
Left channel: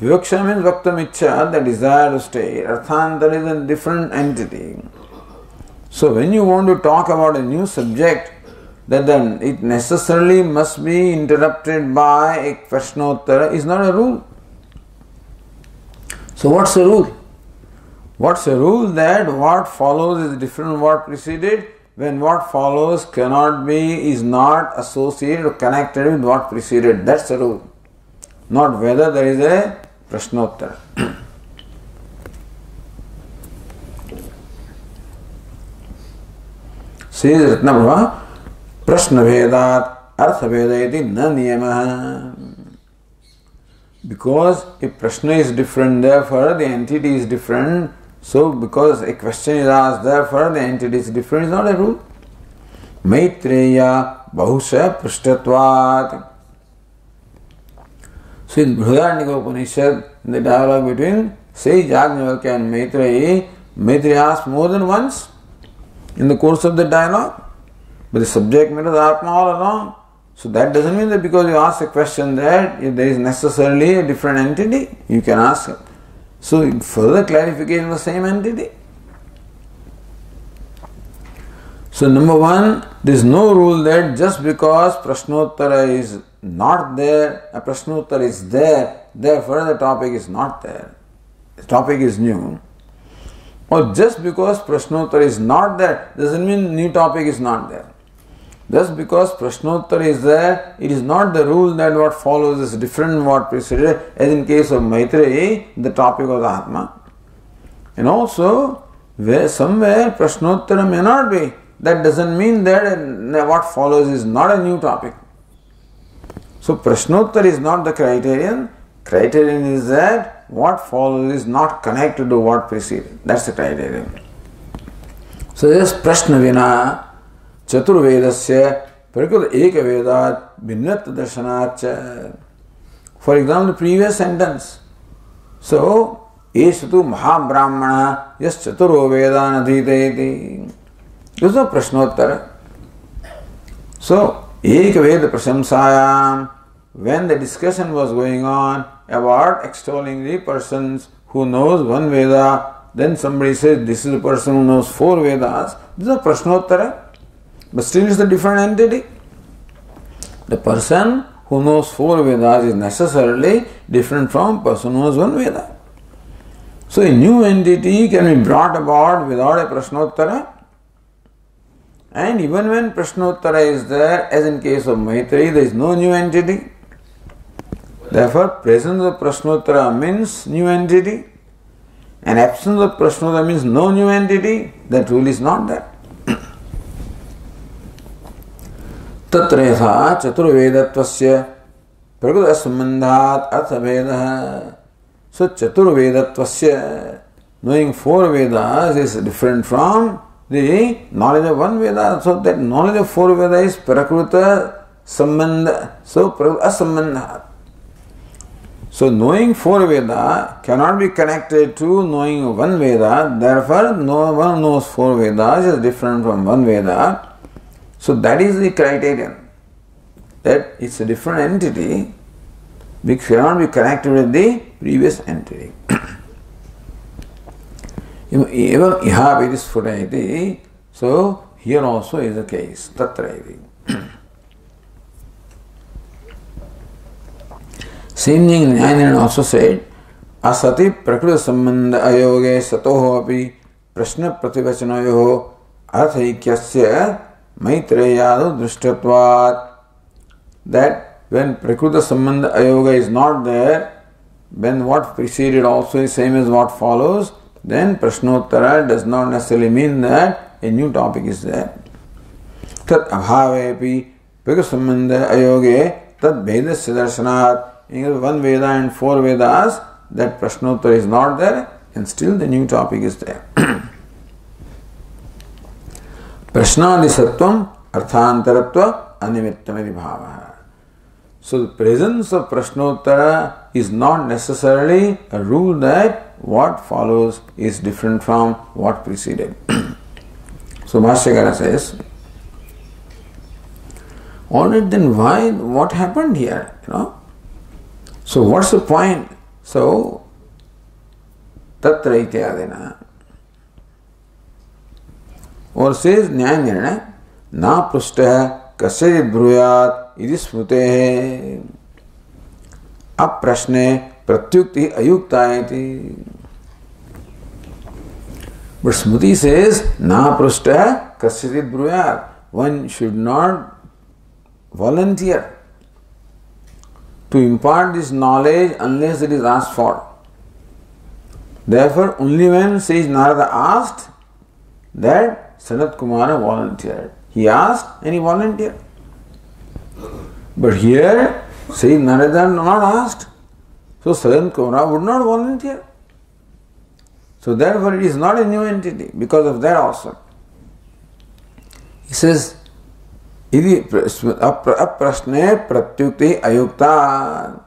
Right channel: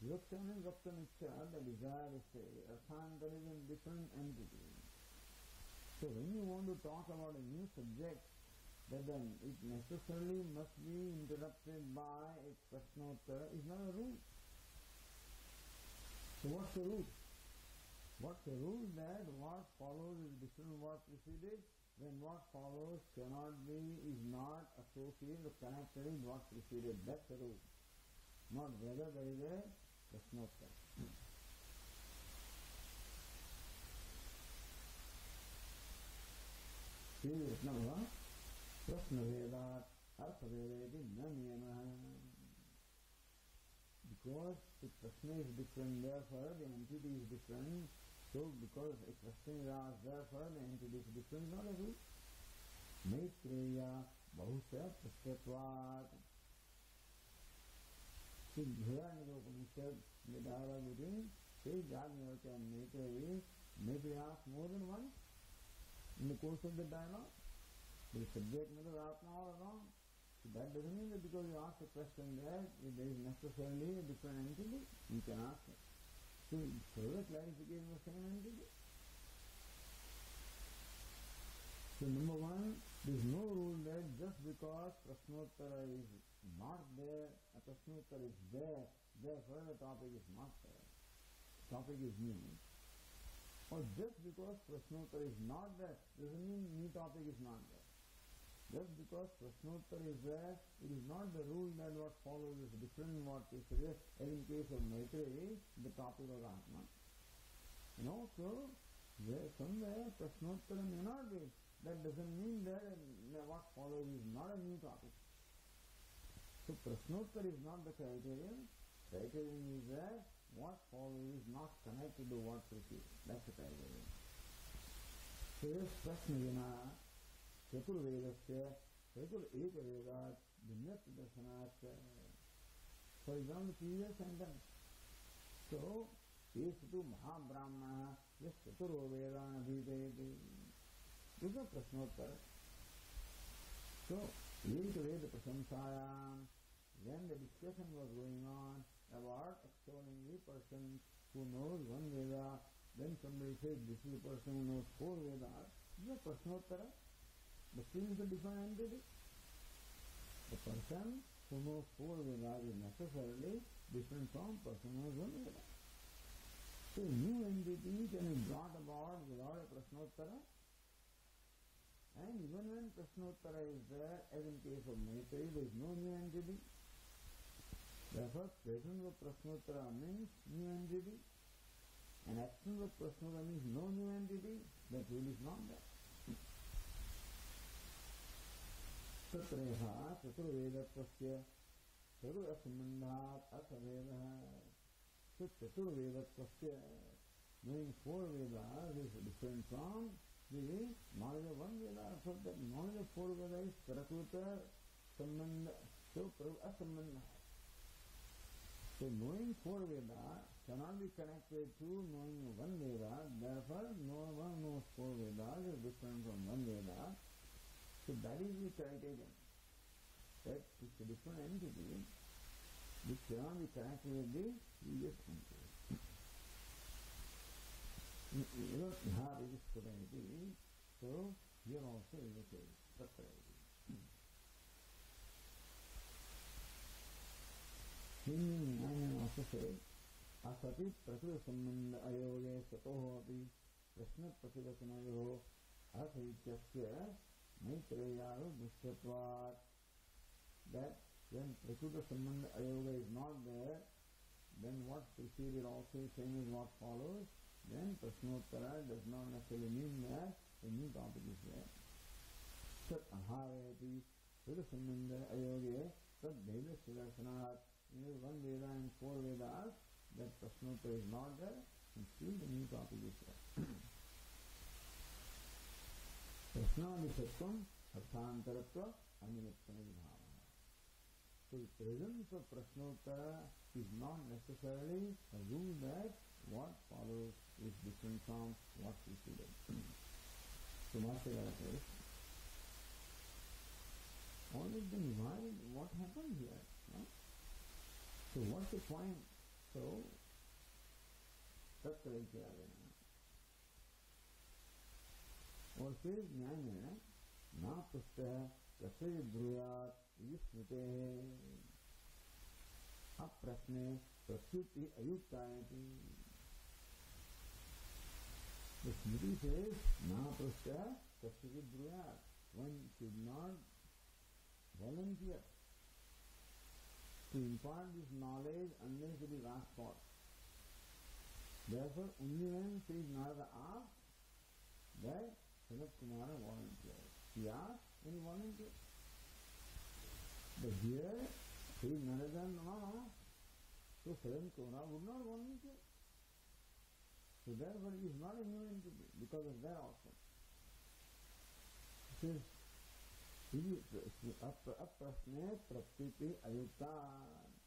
Vivakshaya means Vaktam the desire to stay. Arthantara is a different entity. So when you want to talk about a new subject, then it necessarily must be interrupted by a Prashnottara is not a rule. So what's the rule? What's the rule that what follows is different from what preceded when what follows is not associated or connected with what preceded. That's the rule. Not whether there is a Prashnottara. Says Ratnabhava, Prashna Vedat Artha Vedayati na niyamaha. Because if Prashna is different, therefore the entity is different. So because a question is asked, therefore the entity is different is not a rule. Maitreya Bahusha Prishtatvat. So in Brihadaranyaka Upanishad, in the dialogue between sage Yajnavalkya and Maitreya, Maitreya asked more than once in the course of the dialogue. But the subject matter is Atma all along. So that doesn't mean that because you ask a question that if there is necessarily a different entity, you can ask it. So further clarification of the same entity. So number one, there is no rule that just because Prashnottara is not there, a Prashnottara is there, therefore the topic is not there. The topic is new. Or just because Prashnottara is not there, doesn't mean new topic is not there. Just because Prashnottara is there, it is not the rule that what follows is different from what preceded. As in case of Maitreya, the topic was Atma. And also, where somewhere Prashnottara may not be, that doesn't mean that what follows is not a new topic. So Prashnottara is not the criterion. Criterion is that what follows is not connected to what preceded. That's the criterion. So this Prashna Vina Chaturvedasya Prakruta Eka Vedat Bhinnatva Darshanach. For example, the previous sentence. So, Esatu Mahabrahmana Yas Chaturo Vedan Adhitayati. This is a Prashnottara. So, Eka Veda Prasamsayam, when the discussion was going on about extolling the persons who knows one Veda, then somebody says this is a person who knows 4 Vedas. This is a Prashnottara. But still it's a different entity. The person who knows 4 Vedas is necessarily different from person who knows 1 Veda. So a new entity can be brought about without a Prashnottara. And even when Prashnottara is there, as in case of Maitreya, there is no new entity. Therefore, presence of Prashnottara means new entity. And absence of Prashnottara means no new entity. That rule is not there. तत्र यथा चतुर्वेदत्वस्य प्रकृत संबंधात् अर्थभेदः. So Chaturvedattvasya, knowing four Vedas is different from the knowledge of one Veda. So that knowledge of four Vedas is Prakruta Sambandha. So Prakruta Sambandha. So knowing four Veda cannot be connected to knowing one Veda. Therefore, no one knows four Vedas is different from one Veda. So that is the criterion. That it's a different entity which cannot be connected with the previous entity. Evam iha vidisphutayati. So here also is the case. Tatra iti. Same thing Nyayanirana also said, asati prakriti sambandha ayoge satoho api prashna prativachanayoho arthaikyasya maitreyadu drishtatvat. That when Prakriti Sambandha Ayoga is not there, when what preceded also is same as what follows, then Prashnottara does not necessarily mean that a new topic is there. Tat abhavepi Prakriti Sambandha Ayoge tat Vedasya darshanat. In one Veda and four Vedas, that Prashnottara is not there and still the new topic is there. Prashnadisatvam arthantaratva animittamadi bhavaha. So the presence of Prashnottara is not necessarily a rule that what follows is different from what preceded. So Bhashyakara says, alright, then why, what happened here? So what's the point? So Tatra ityadena. Or says Nyayanirana, na prushtah kasyajit bruyat इति स्मृतेः अप्रश्ने प्रत्युक्ति अयुक्ता इति. But Smriti says, na prushtah kasyajit bruyat. One should not volunteer to impart this knowledge unless it is asked for. Therefore, only when says Narada asked, that Sanat Kumara volunteered. He asked and he volunteered. But here, says Narada not asked. So Sanat Kumara would not volunteer. So therefore it is not a new entity because of that also. He says, aprashne pratyukti ayukta.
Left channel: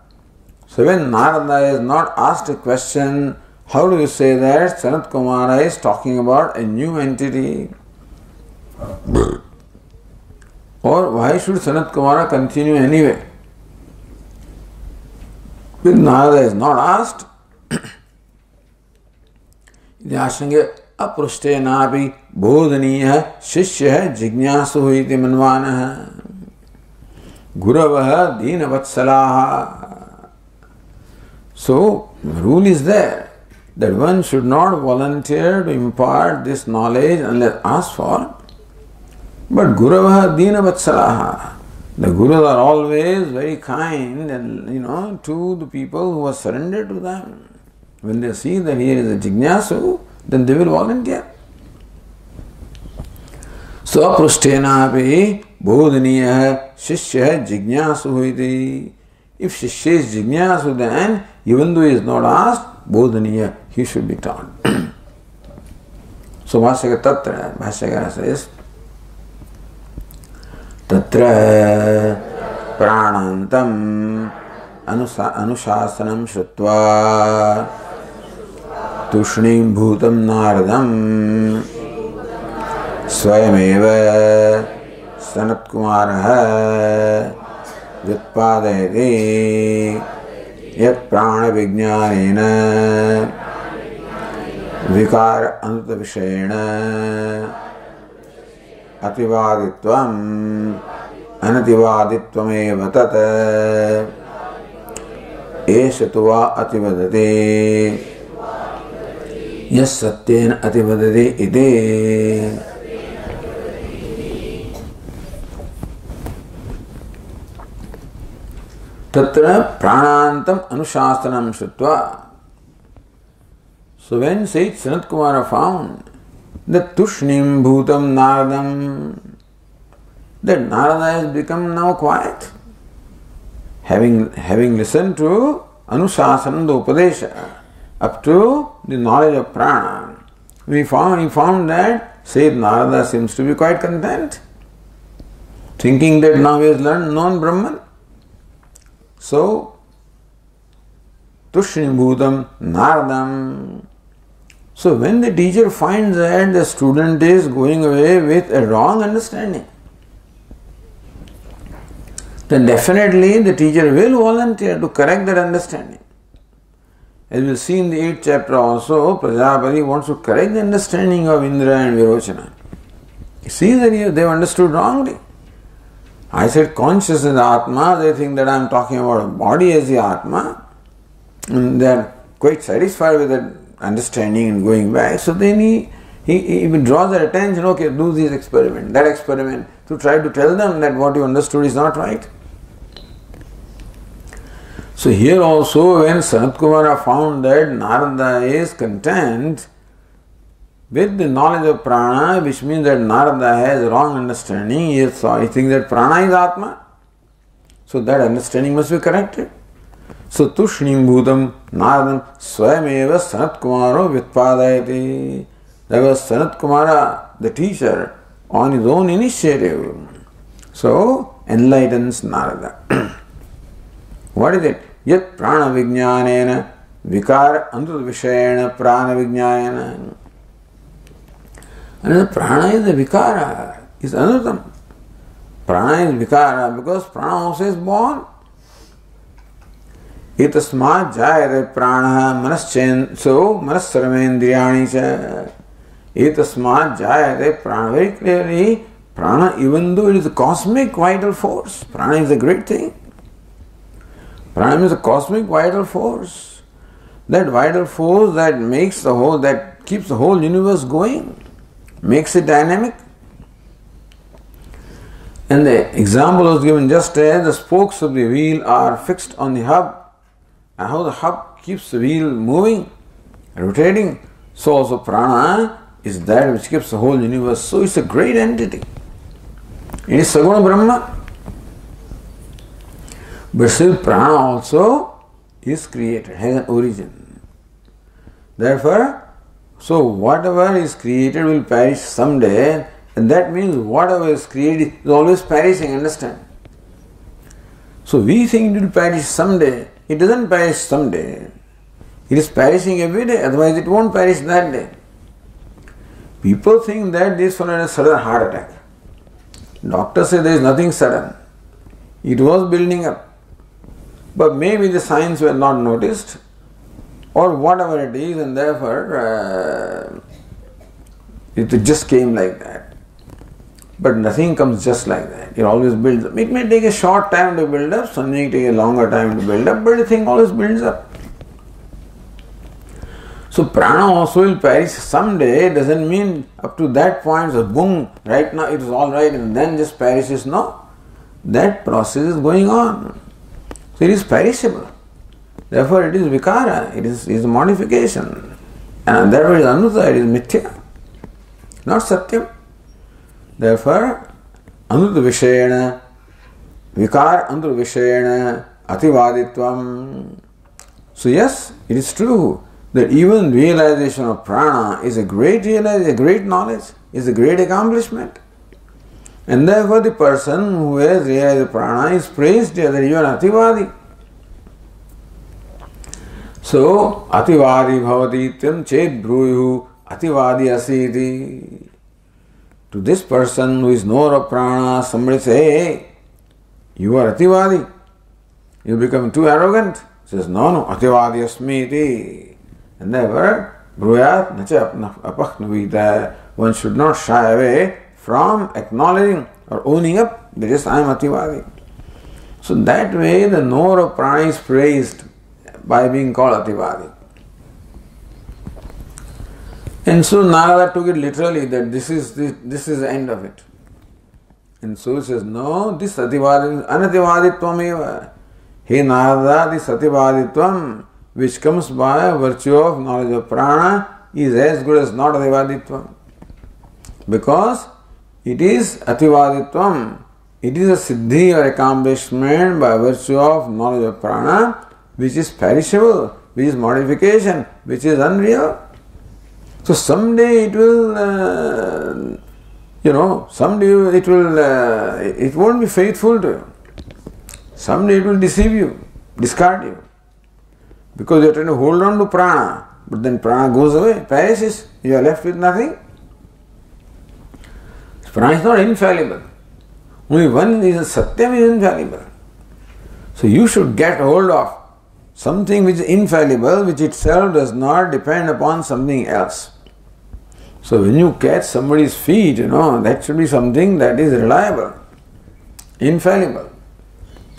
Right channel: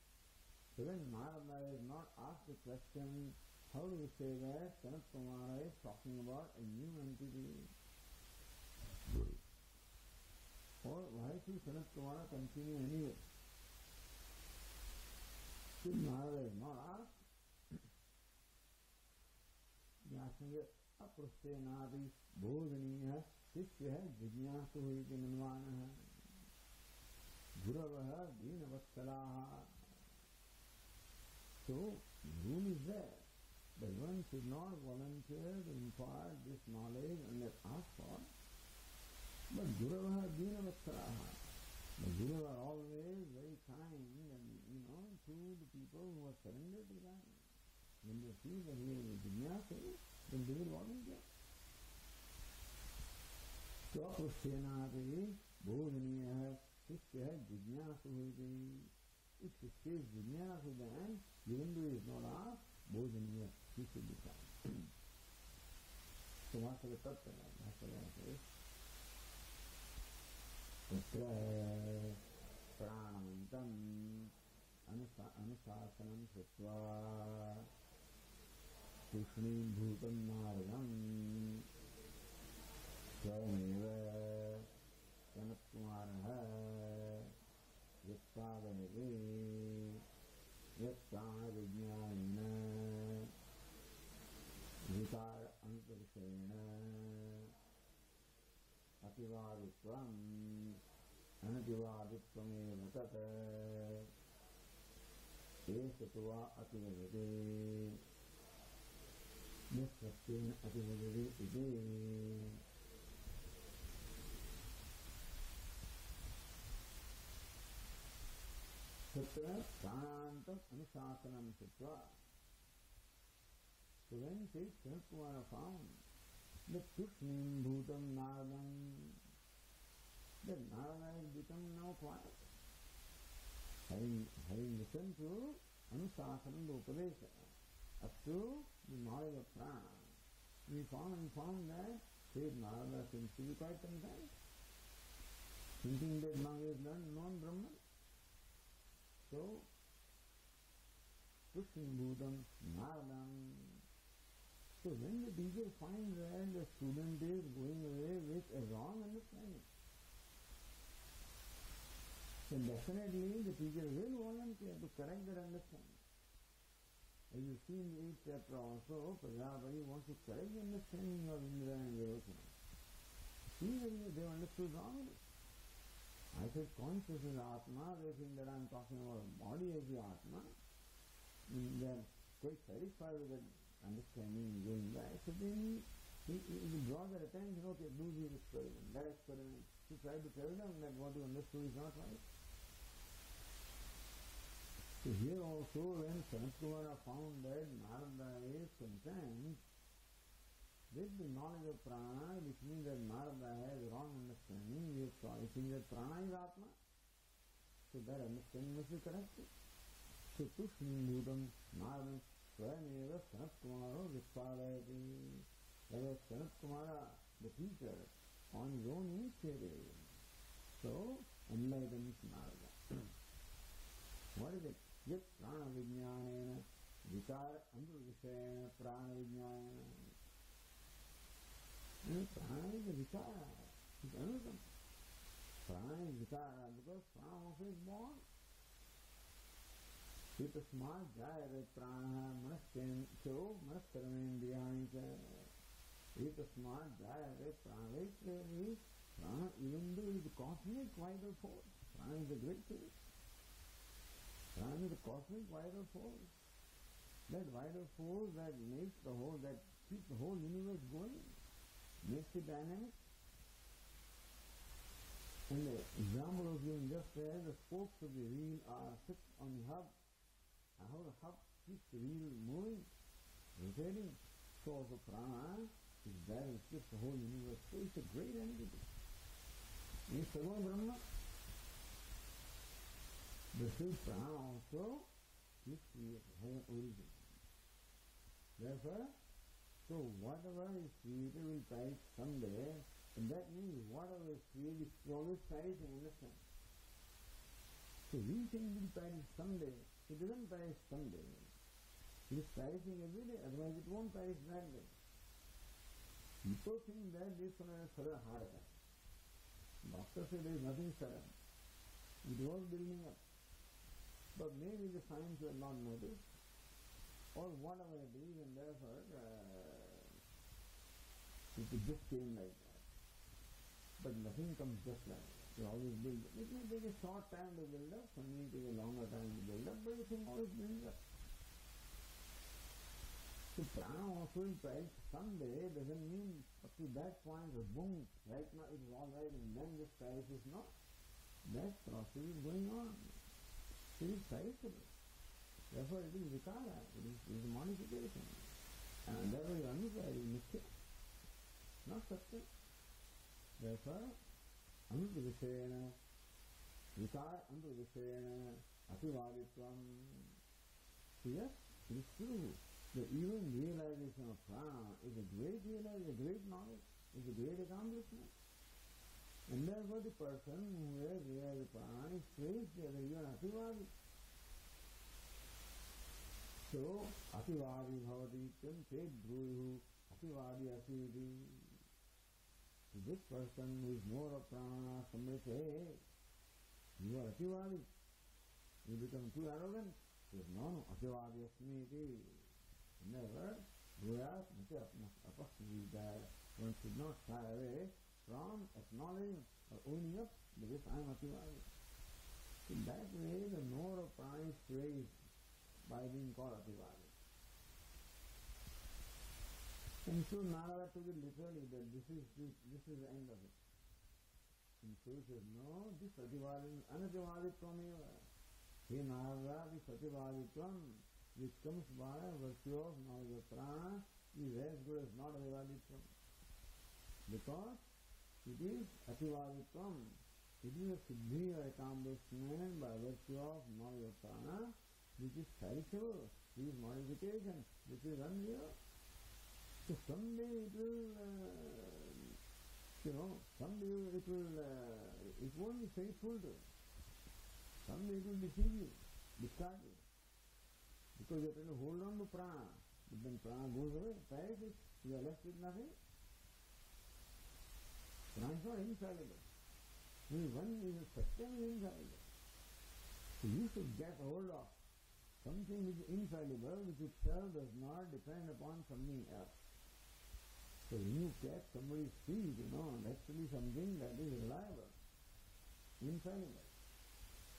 So when Narada is not asked a question, how do you say that Sanat Kumara is talking about a new entity? Or why should Sanat Kumara continue anyway? When Narada is not asked, Yashange aprushtenapi bodhaniya shishya jignasu iti manvanaha guravaha deenavatsalaha. So, the rule is there that one should not volunteer to impart this knowledge unless asked for. But Guravaha deenavatsalaha. The Gurus are always very kind and, to the people who are surrendered to them. When they see that here is a jignasu, then they will volunteer. So, aprushtenapi bodhaniya shishya jignasu iti. If shishya is jignasu, then even though he is not asked, bodhaniya, he should be taught. So, Bhashyakara says, Tatra pranantam anusasanam shrutva tushnim bhutam naradam swayameva Sanat Kumaraha vyutpadayati yat prana vijnanena vikara anuta vishayena ativaditvam anativaditvam tat eshatva ativadati yas satyena ativadati iti. Tatra pranantam anushasthanam shrutva. So when Sait Sanat Kumara found that tushnim bhutam naradam, that Narada has become now quiet. Having listened to Anushasana Upadesha up to the knowledge of prana, he found that Sayyid Narada seems to be quite content, thinking that now he has known Brahman. So, Tushnibhutam Naradam. So when the teacher finds that the student is going away with a wrong understanding, then definitely the teacher will volunteer to correct that understanding. As we'll see in the 8th chapter also, Prajapati wants to correct the understanding of Indra and Virochana. He sees that they've understood wrongly. I said conscious is Atma, they think that I'm talking about a body as the Atma, and they're quite satisfied with that understanding and going back. So then he draws their attention, okay, do this experiment, that experiment, to try to tell them that what you understood is not right. So here also, when Sanat Kumara found that Narada is content with the knowledge of prana, which means that Narada has wrong understanding, he thinks that prana is Atma. So that understanding must be corrected. So Tushnim Bhutam Naradam Swayameva Sanat Kumaro Vitpadayati. That was Sanat Kumara, the teacher, on his own initiative. So enlightens Narada. What is it? Yat prana vijnanena vikar antur vishayana prana vijnanena. And the prana is the vikara, is anutam. Prana is vikara because prana also is born. Itasmat jayate prana manaschen, so manassarvendriyani cha. Itasmat jayate prana. Very clearly, prana, even though it is a cosmic vital force, prana is a great thing. Prana is a cosmic vital force. That vital force that makes the whole, that keeps the whole universe going, makes it dynamic. And the example was given just as the spokes of the wheel are fixed on the hub, and how the hub keeps the wheel moving, rotating, so also prana is that which keeps the whole universe. So it's a great entity. It is Saguna Brahma. But still prana also is created, has an origin. Therefore, so whatever is created will perish someday, and that means whatever is created is always perishing, understand? So we think it will perish someday. It doesn't perish someday. It is perishing every day, otherwise it won't perish that day. People think that this one had a sudden heart attack. Doctors say there is nothing sudden. It was building up. But maybe the signs were not noticed, or whatever it is, and therefore it just came like that. But nothing comes just like that. It always builds up. It may take a short time to build up, some may take a longer time to build up, but the thing always builds up. So prana also will perish someday. Doesn't mean up to that point, so boom, right now it is all right and then just perishes. No. That process is going on. So it is perishable. Therefore it is vikara, it is a modification. And therefore it is anuta, it is mithya, not satyam. Therefore, anuta vishayana, vikar anuta vishayana, ativaditvam. So yes, it is true that even realization of prana is a great realization, a great knowledge, is a great accomplishment. And therefore the person who has realized prana is praised here that you are ativadi. So, ativadi bhavati tyam ched bruyuhu ativadi asiti. To this person who is knower of prana, somebody say, hey, you are ativadi. You become too arrogant. He says, no, ativadi asmiti. And therefore, bruyat nacha apaknavita. One should not shy away from acknowledging or owning up that yes, I am ativadi. So that way the knower of prana is praised by being called ativadi. And so Narada took it literally that this is the end of it. And so he says, no, this ativadi, anativaditvam eva. Hey Narada, this ativaditvam which comes by virtue of knowledge of prana is as good as not ativaditvam. Because it is ativaditvam It is a siddhi or accomplishment by virtue of knowledge of prana, which is perishable, which is modification, which is unreal. So someday it will, someday it won't be faithful to you. Someday it will deceive you, discard you. Because you are trying to hold on to prana, but then prana goes away, perishes, you are left with nothing. Prana is not infallible. Only one is Satyam is infallible. So you should get hold of something which is infallible, which itself does not depend upon something else. So when you catch somebody's feet, that should be something that is reliable, infallible.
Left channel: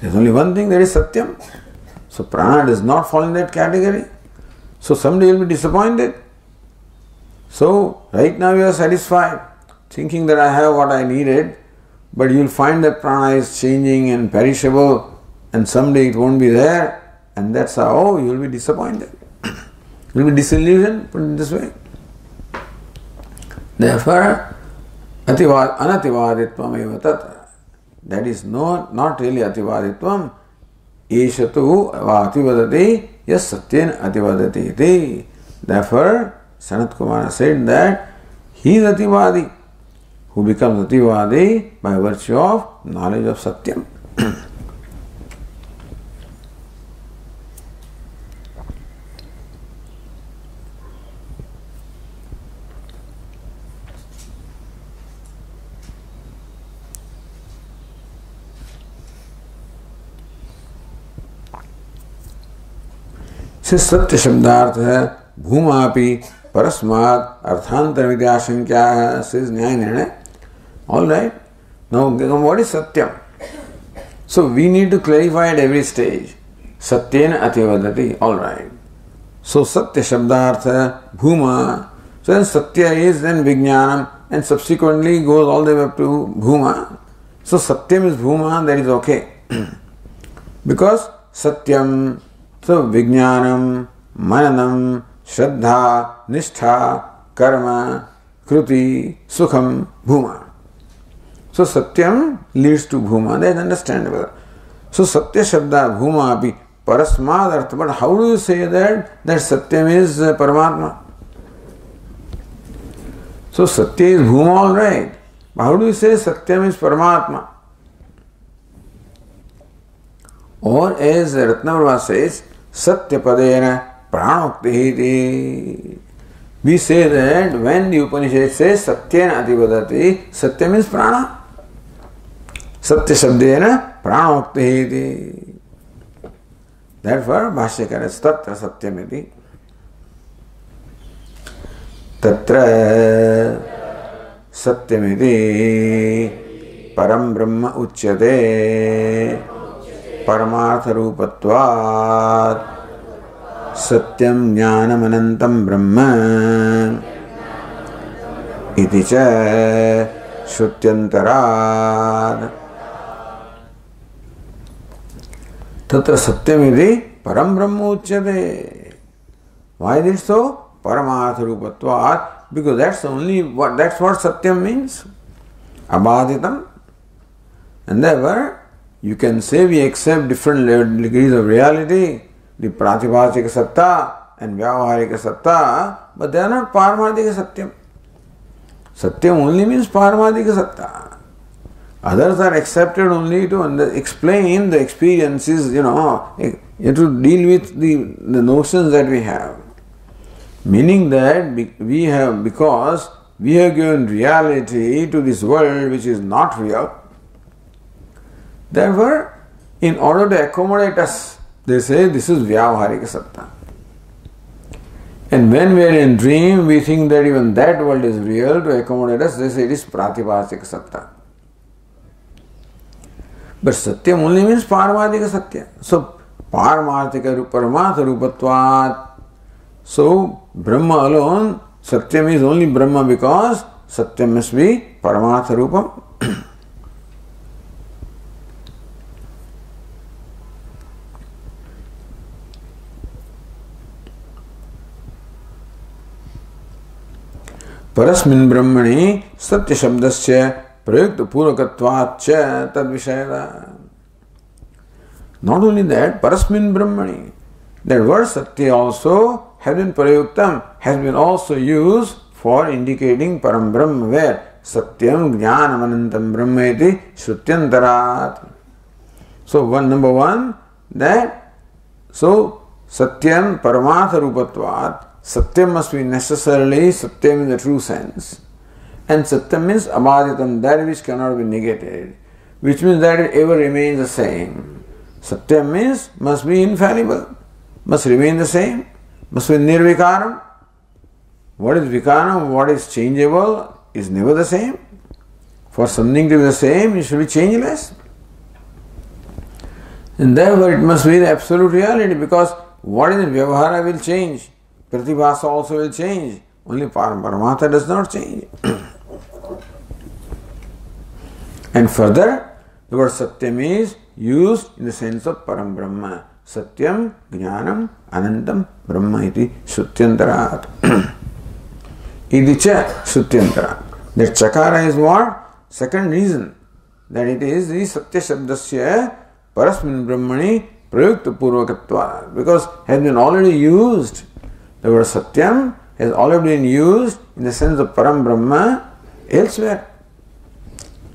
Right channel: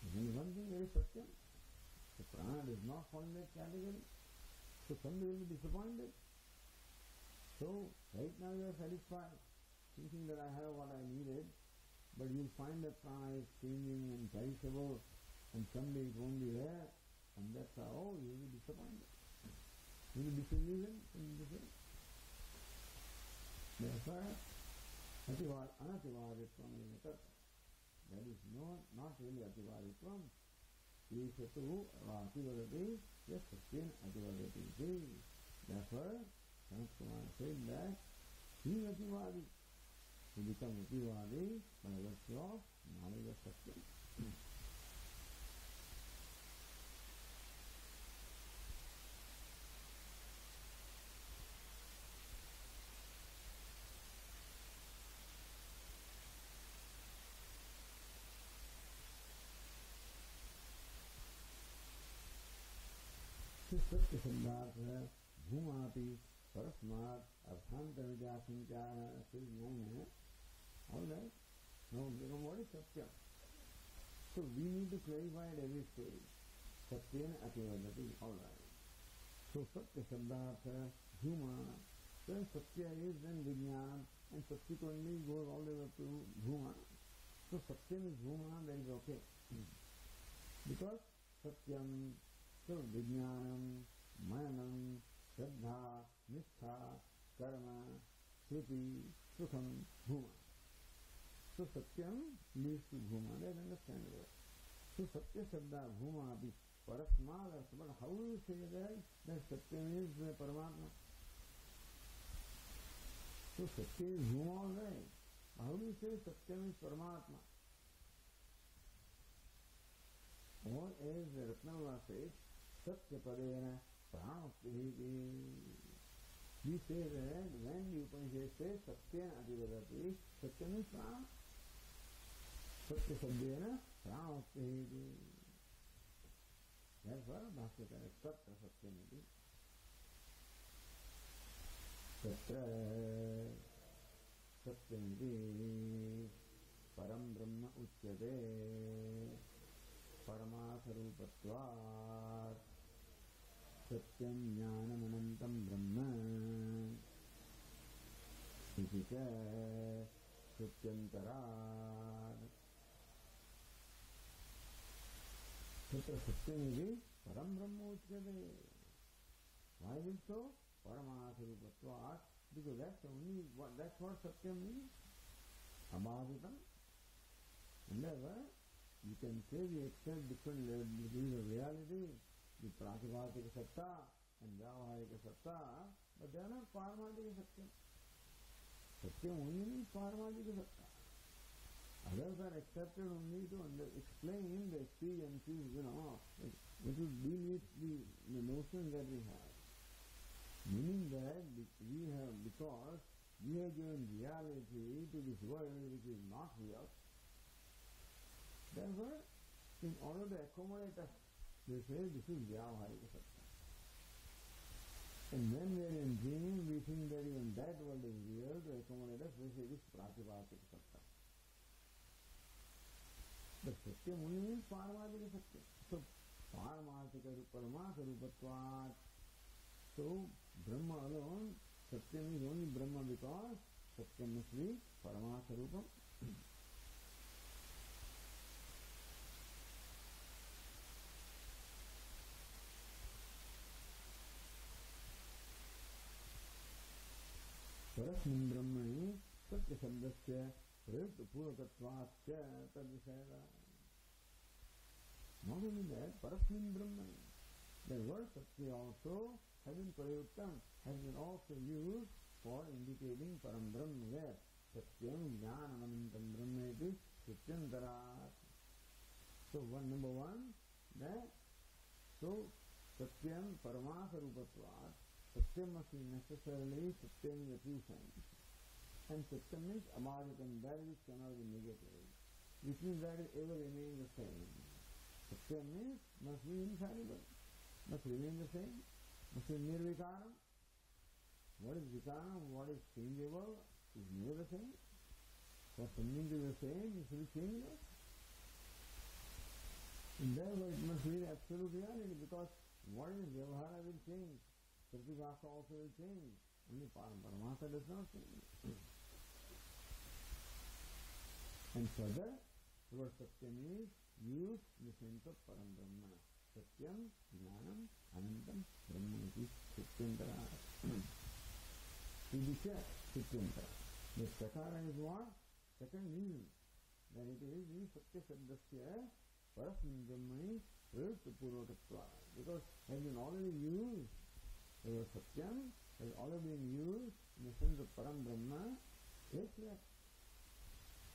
There is only one thing, that is Satyam. So prana does not fall in that category. So someday you will be disappointed. So right now you are satisfied, thinking that I have what I needed, but you will find that prana is changing and perishable, and someday it won't be there, and that's how you will be disappointed. You will be disillusioned, put it this way. Therefore, anativaditvam eva tatra. That is not really ativaditvam. Eshatu ativadati yas satyen ativadati iti. Therefore, Sanat Kumara said that he is ativadi, who becomes ativadi by virtue of knowledge of Satyam. सत्य शब्दार्थ है भूमापि परस्मात् अर्थांतर विद्याशंक्या says न्याय निर्णय. All right. Now what is Satyam? So we need to clarify at every stage. Satyena ativadati. All right. So Satya Shabdartha Bhuma. So then Satya is then Vijnanam, and subsequently goes all the way up to Bhuma. So Satyam is Bhuma, that is okay. Because Satyam, so Vijnanam, Mananam, Shraddha, Nishtha, Karma, Kruti, Sukham, Bhuma. So Satyam leads to Bhuma, that is understandable. So Satya Shabda Bhuma api Parasmad Artha. But how do you say that Satyam is Paramatma? So Satya is Bhuma, all right. But how do you say Satyam is Paramatma? Or as Ratnavrava says, Satya Padena Pranokti. We say that when the Upanishad says Satyena Ativadati, Satya means Prana. Satya Shabdena Pranokti. Therefore, Bhashyakara is Tatra Satyamiti. Tatra Satyamiti Param Brahma Uchyate Paramartha Rupatvat Satyam Jnanam Anantam Brahma Iti Cha Shrutyantarad. Tatra Satyamiti Param Brahma Uchyate. Why is it so? Paramartha Rupatvat. Because that's what Satyam means. Abhaditam. And therefore, you can say we accept different degrees of reality, the Pratibhasika Satta and Vyavaharika Satta, but they are not Paramarthika Satyam. Satyam only means Paramarthika Satta. Others are accepted only to explain the experiences, you have to deal with the notions that we have. Meaning that because we have given reality to this world which is not real, therefore, in order to accommodate us, they say this is Vyavaharika Satta. And when we are in dream, we think that even that world is real. To accommodate us, they say it is Pratibhasika Satta. But Satyam only means Paramarthika Satya. So, Paramarthika Paramartha Rupatvat. So, Brahma alone, Satyam is only Brahma because Satyam must be Paramartha Rupam. Parasmin Brahmani Satya Shabdasya prayukta purvakatvacha tad vishayada. Not only that, parasmin brahmani. That word satya also has been prayuktam, has been also used for indicating param brahma, where satyam jnanam anantam brahma iti shrutyantarat. So number one, that so satyam paramatha rupatvat, satyam must be necessarily satyam in the true sense. And satyam means abhaditam, that which cannot be negated, which means that it ever remains the same. Satyam means must be infallible, must remain the same, must be nirvikaram. What is vikaram, what is changeable is never the same. For something to be the same, it should be changeless. And therefore it must be the absolute reality, because what is in Vyavahara will change, Pratibhasa also will change, only Paramatha does not change. And further, the word Satyam is used in the sense of Param Brahma. Satyam, Jnanam, Anantam, Brahma iti Shuttyantarat. Iti cha Shuttyantarat. That Chakara is what? Second reason. That it is the Satya Shabdasya Parasmin Brahmani Prayukta Purvakatva. Because has been already used. The word Satyam has already been used in the sense of Param Brahma elsewhere.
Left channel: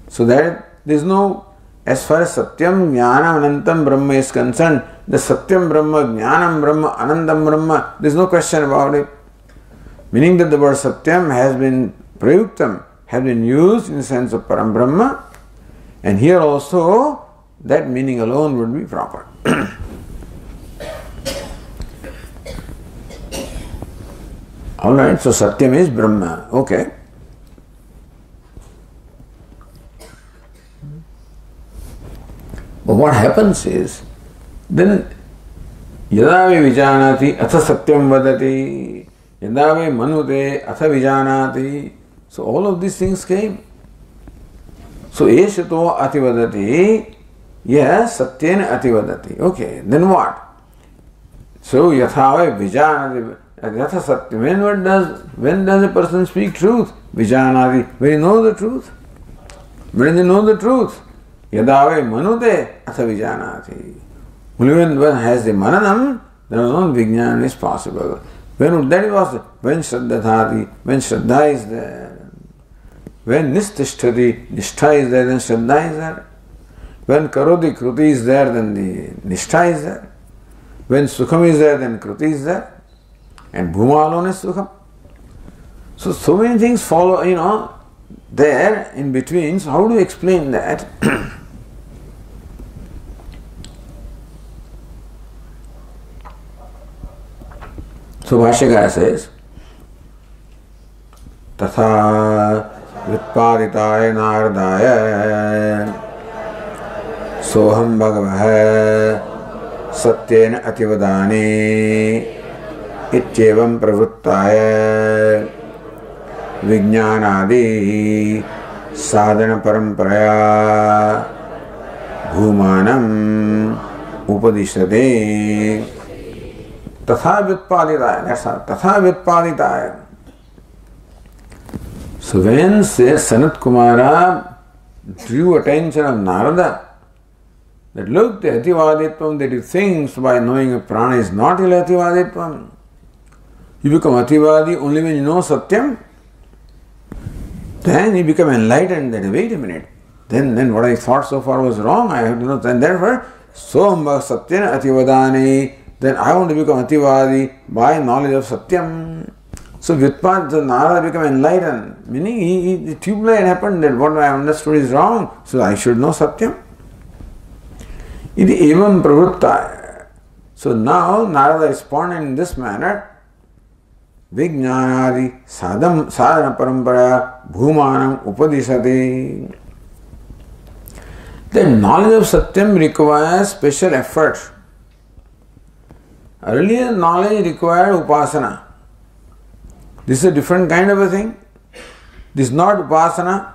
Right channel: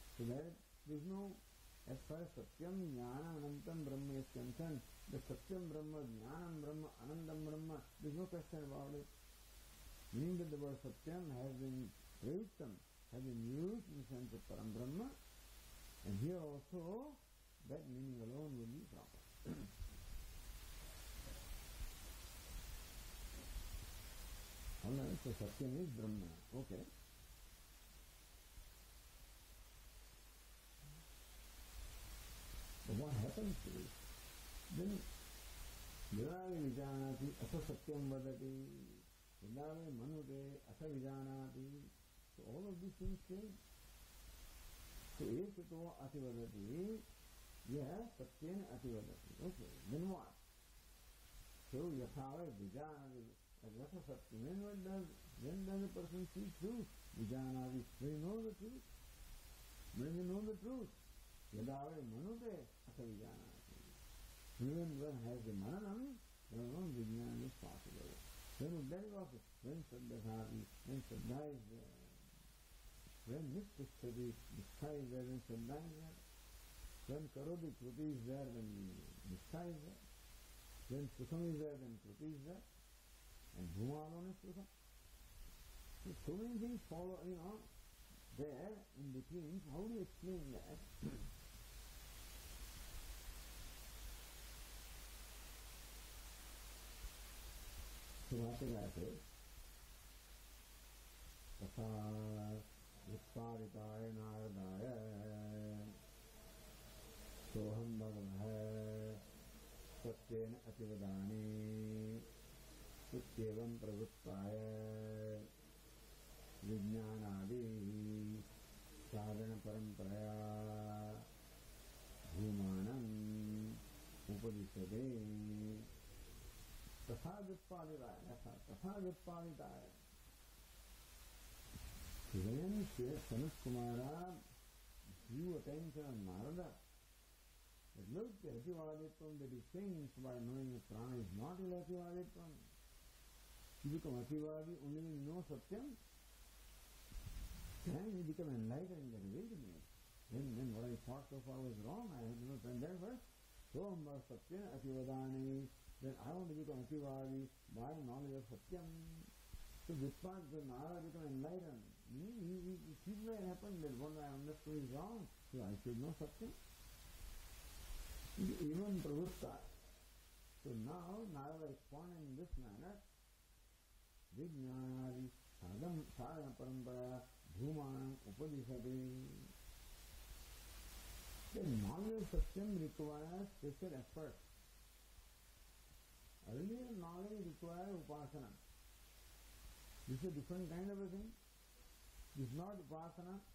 So that there is no, as far as Satyam, Jnanam, Anantam Brahma is concerned, the Satyam Brahma, Jnanam Brahma, Anandam Brahma, there is no question about it. Meaning that the word Satyam has been Prayuktam, has been used in the sense of Param Brahma, and here also that meaning alone would be proper. Alright, so Satyam is Brahma. Okay. But what happens is, then yada ve vijanati atha satyam vadati, yada ve manute atha vijanati. So all of these things came. So eshato ativadati, yes, satyena ativadati. Okay, then what? So yatha ve vijanati, yatha satyam. When does a person speak truth? Vijanati, when he knows the truth. When they know the truth. Yada ve manute atha vijanati. Only when one has the mananam, then alone vijnana is possible. When that was when shraddhati, when shraddha is there. When nistishtati, nishtha is there, then shraddha is there. When karoti, kruti is there, then the nishtha is there. When sukham is there, then kruti is there. And bhuma alone is sukham. So many things follow, there in between. So how do you explain that? So Bhashyakara says, Tatha Vitparitaya Nardaya Soham Bhagavah Satyena Ativadani Itchevam Pravruttaya Vijnanadi Sadhana Paramparaya Bhumanam Upadishade Tatha Vyutpaditaya. That's how. Tatha Vyutpaditaya. So when Sanat Kumara drew attention of Narada, that look, the Ativaditvam that he thinks by knowing a prana is not Ativaditvam. You become Ativadi only when you know Satyam. Then you become enlightened that wait a minute. Then what I thought so far was wrong. I have to know. And therefore, Soham Satyena Ativadani. Then I want to become Ativadi by knowledge of Satyam. So Vyutpad, Narada became enlightened. Meaning the tube-light happened that what I understood is wrong. So I should know Satyam. Iti evam pravruttaya. So now Narada responded in this manner. Vijnanadi sadhana parampara bhumanam upadishati. The knowledge of Satyam requires special effort. Earlier knowledge required upasana. This is a different kind of a thing. This is not upasana.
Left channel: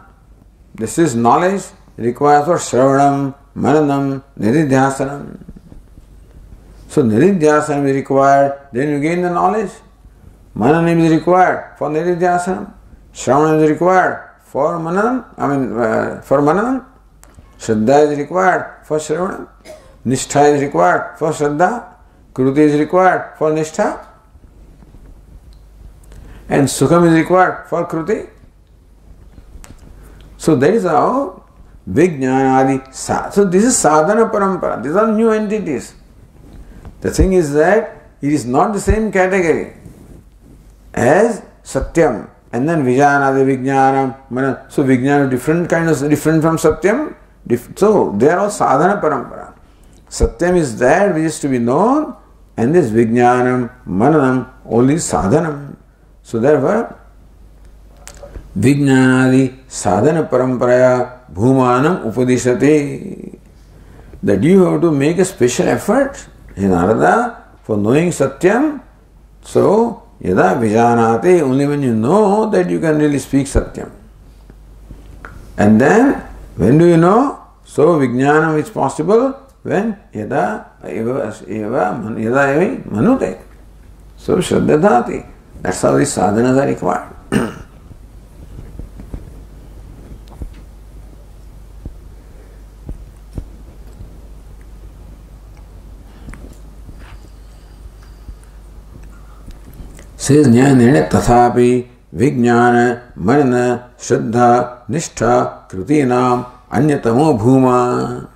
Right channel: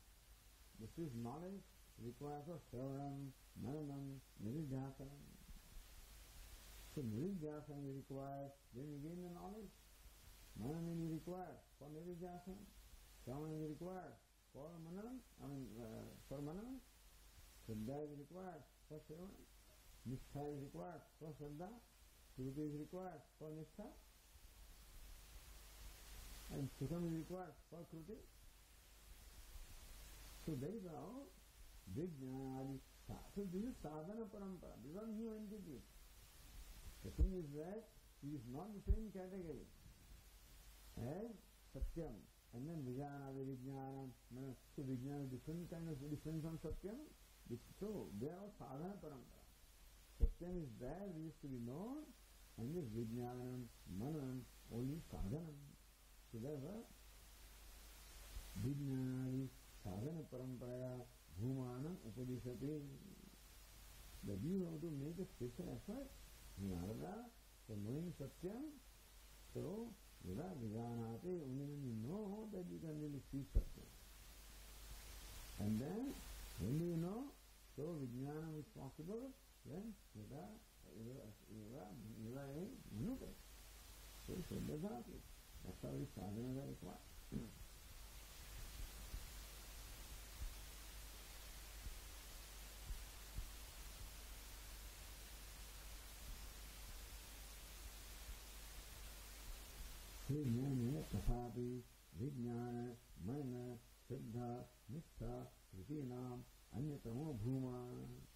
This is knowledge. It requires for shravanam, mananam, nididhyasanam. So nididhyasanam is required, then you gain the knowledge. Mananam is required for nididhyasanam. Shravanam is required for mananam. For mananam. Shraddha is required for Shravanam. Nishtha is required for Shraddha. Kruti is required for Nishtha. And Sukham is required for Kruti. So that is how Vijnanadi. So this is sadhana parampara. These are new entities. The thing is that it is not the same category as Satyam. And then Vijanadi, Vijnanam, Mana. So Vijnana is different from Satyam. So they are all sadhana parampara. Satyam is that which is to be known, and this Vijnanam, Mananam, only sadhanam. So therefore, Vijnanadi sadhana paramparaya bhumanam upadishati. That you have to make a special effort in Narada for knowing Satyam. So, yada vijanati, only when you know that you can really speak Satyam. And then, when do you know? So, Vijnanam is possible when yada manute. So, Shraddhadati. That's how these sadhanas are required. Says Jnanene tathapi Vijnana Manana Shraddha Nishtha Krutinam Anyatamo Bhuma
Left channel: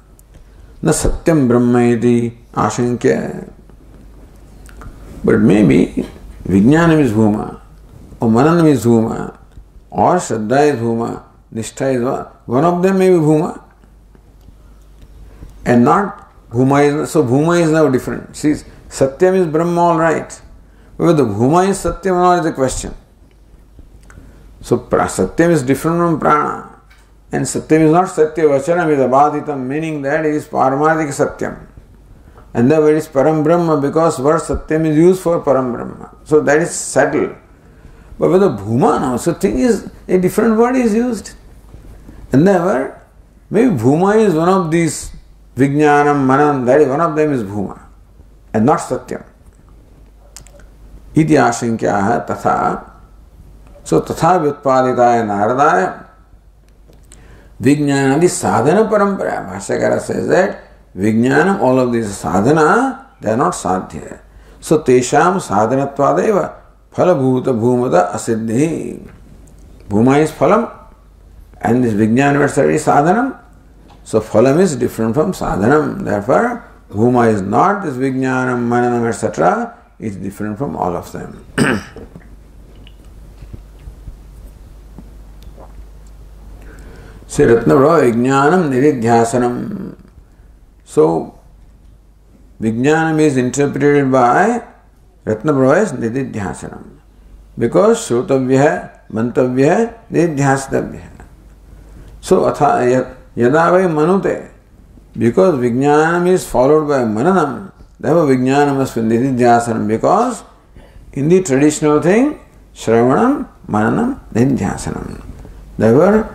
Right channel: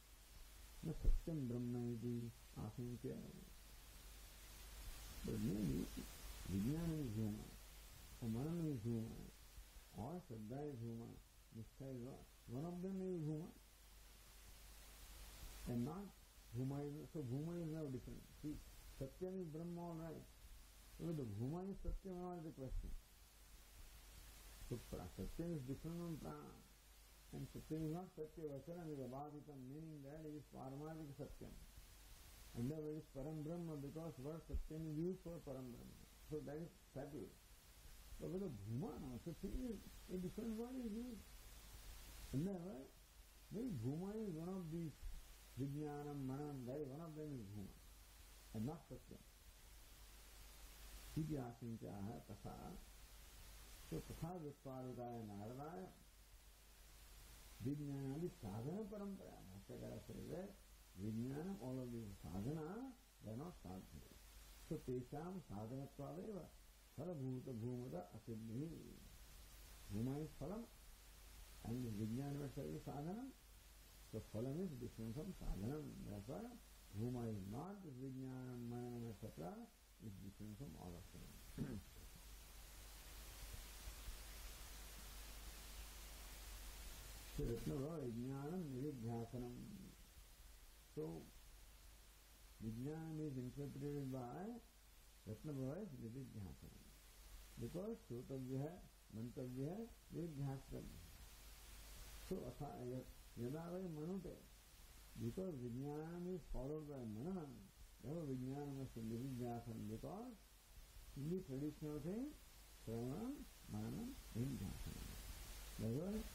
Na Satyam Brahma iti Ashankya. But maybe Vijnanam is Bhuma, or Mananam is Bhuma, or Shraddha is Bhuma, Nishtha is one of them may be Bhuma, and not Bhuma is. So Bhuma is now different. See, Satyam is Brahma, all right. Whether Bhuma is Satyam or not is the question. So Satyam is different from Prana, and Satyam is not Satya Vachanam, is Abhaditam, meaning that it is Paramadhika Satyam. And the word is Param Brahma because word Satyam is used for Param Brahma. So that is settled. But with the Bhuma now, so thing is, a different word is used. And therefore, maybe Bhuma is one of these Vijnanam, Manam, that is one of them is Bhuma, and not Satyam. Iti ashankyaha tatha. So tatha vyutpaditaya naradaya Vijnanadi sadhana parampara. Bhashyakara says that Vijnanam, all of these sadhana, they are not sadhya. So tesham sadhanatvadeva phalabhuta bhumata asiddhi. Bhuma is phalam, and this Vijnana is sadhanam. So phalam is different from sadhanam. Therefore, Bhuma is not this Vijnanam, Mananam, etc. It's different from all of them. Say Ratnavra Vijnanam Nididhyasanam. So Vijnanam is interpreted by Ratnavra as Nididhyasanam. Because Shrutavya, Mantavya, Nididhyasatavya. So Yada vai Manute. Because Vijnanam is followed by Mananam. Therefore, Vijnana must be Nididhyasanam, because in the traditional thing, Shravanam, Mananam, Nididhyasanam. Therefore,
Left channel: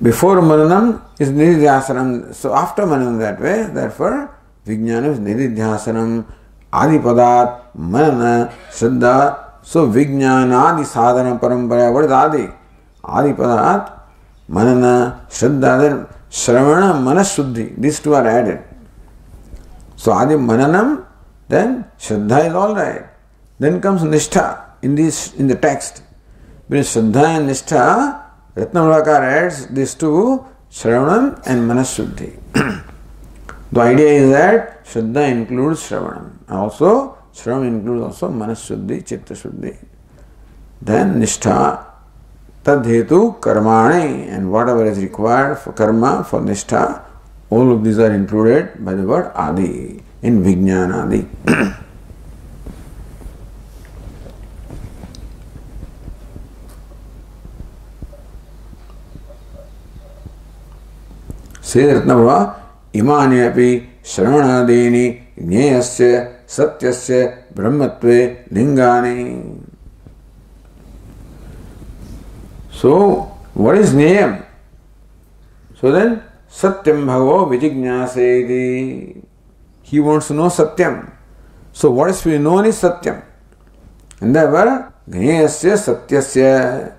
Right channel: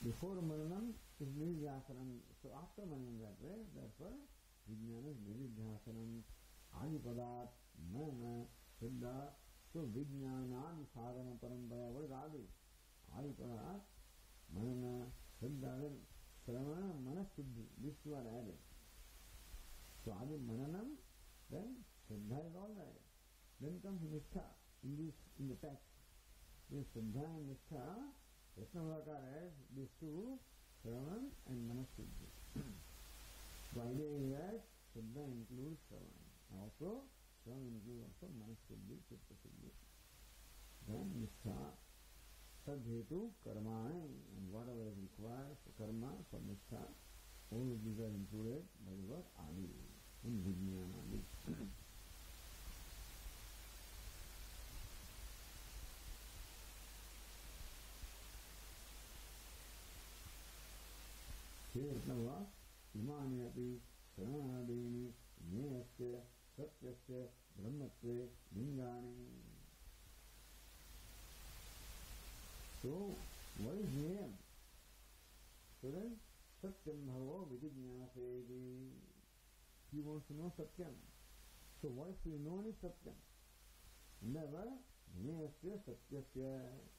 before Mananam is Nididhyasanam, so after Mananam that way, therefore, Vijnana is Nididhyasanam, Adipadat, Manana, Shraddha. So, Vijnana, Adi Sadhana Parampara, what is Adi? Adipadat, Manana, Shraddha, then Shravana, Manashuddhi, these two are added. So Adi Mananam, then Shraddha is all right. Then comes Nishtha in the text. Because Shraddha and Nishtha, Ratnavrakar adds these two, Shravanam and Manashuddhi. The idea is that Shraddha includes Shravanam. Also, Shravanam includes also Manashuddhi, Chitta Shuddhi. Then Nishtha, Tadhetu Karmani, and whatever is required for karma, for Nishtha, all of these are included by the word Adi in Vijnanadi. Says Ratnavra, Imani api Shravanadini Jneyasya Satyasya Brahmatve Lingani. So, what is Jneyam? So then, Satyam Bhagavo Vijignyasedi. He wants to know Satyam. So what is to be known is Satyam. And therefore, Jneyasya Satyasya.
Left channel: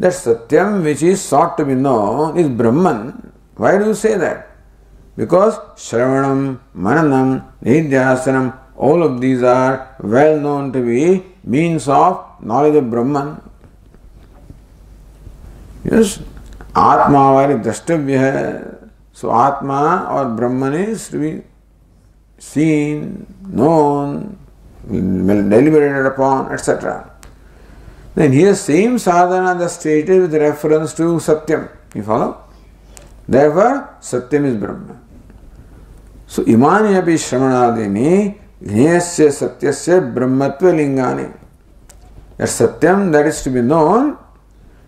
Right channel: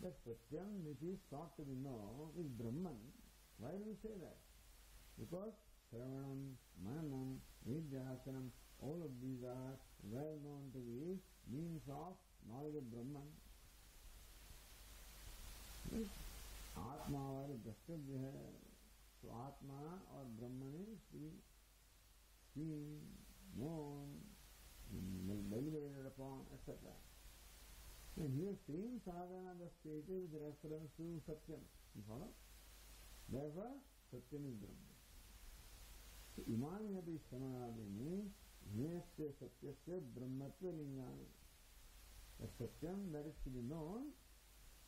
That Satyam which is sought to be known is Brahman. Why do you say that? Because Shravanam, Mananam, Nidhyasanam, all of these are well known to be means of knowledge of Brahman. Yes, Atma vari drashtavya hai. So Atma or Brahman is to be seen, known, deliberated upon, etc. Then here same sadhana the stated with reference to Satyam. You follow? Therefore, Satyam is Brahma. So imani api shramanadini gneyasya satyasya brahmatva lingani. That Satyam that is to be known,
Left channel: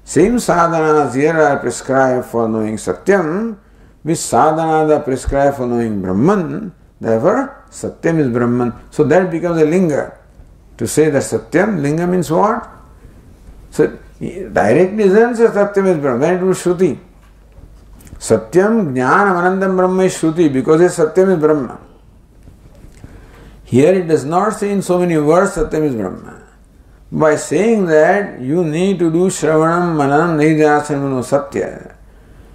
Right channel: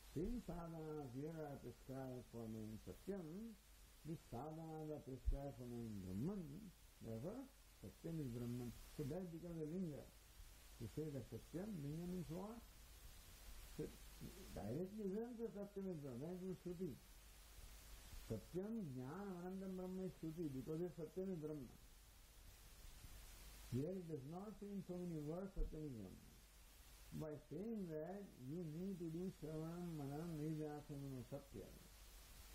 same sadhanas here are prescribed for knowing Satyam, which sadhana are prescribed for knowing Brahman. Therefore, Satyam is Brahman. So that becomes a linga. To say that Satyam, linga means what? So directly doesn't say Satyam is Brahman. Then it was Shruti. Satyam, Jnanam, Anandam Brahma is Shruti because Satyam is Brahma. Here it does not say in so many words Satyam is Brahma. By saying that you need to do Shravanam, Mananam, Nidhyasanam, Satya.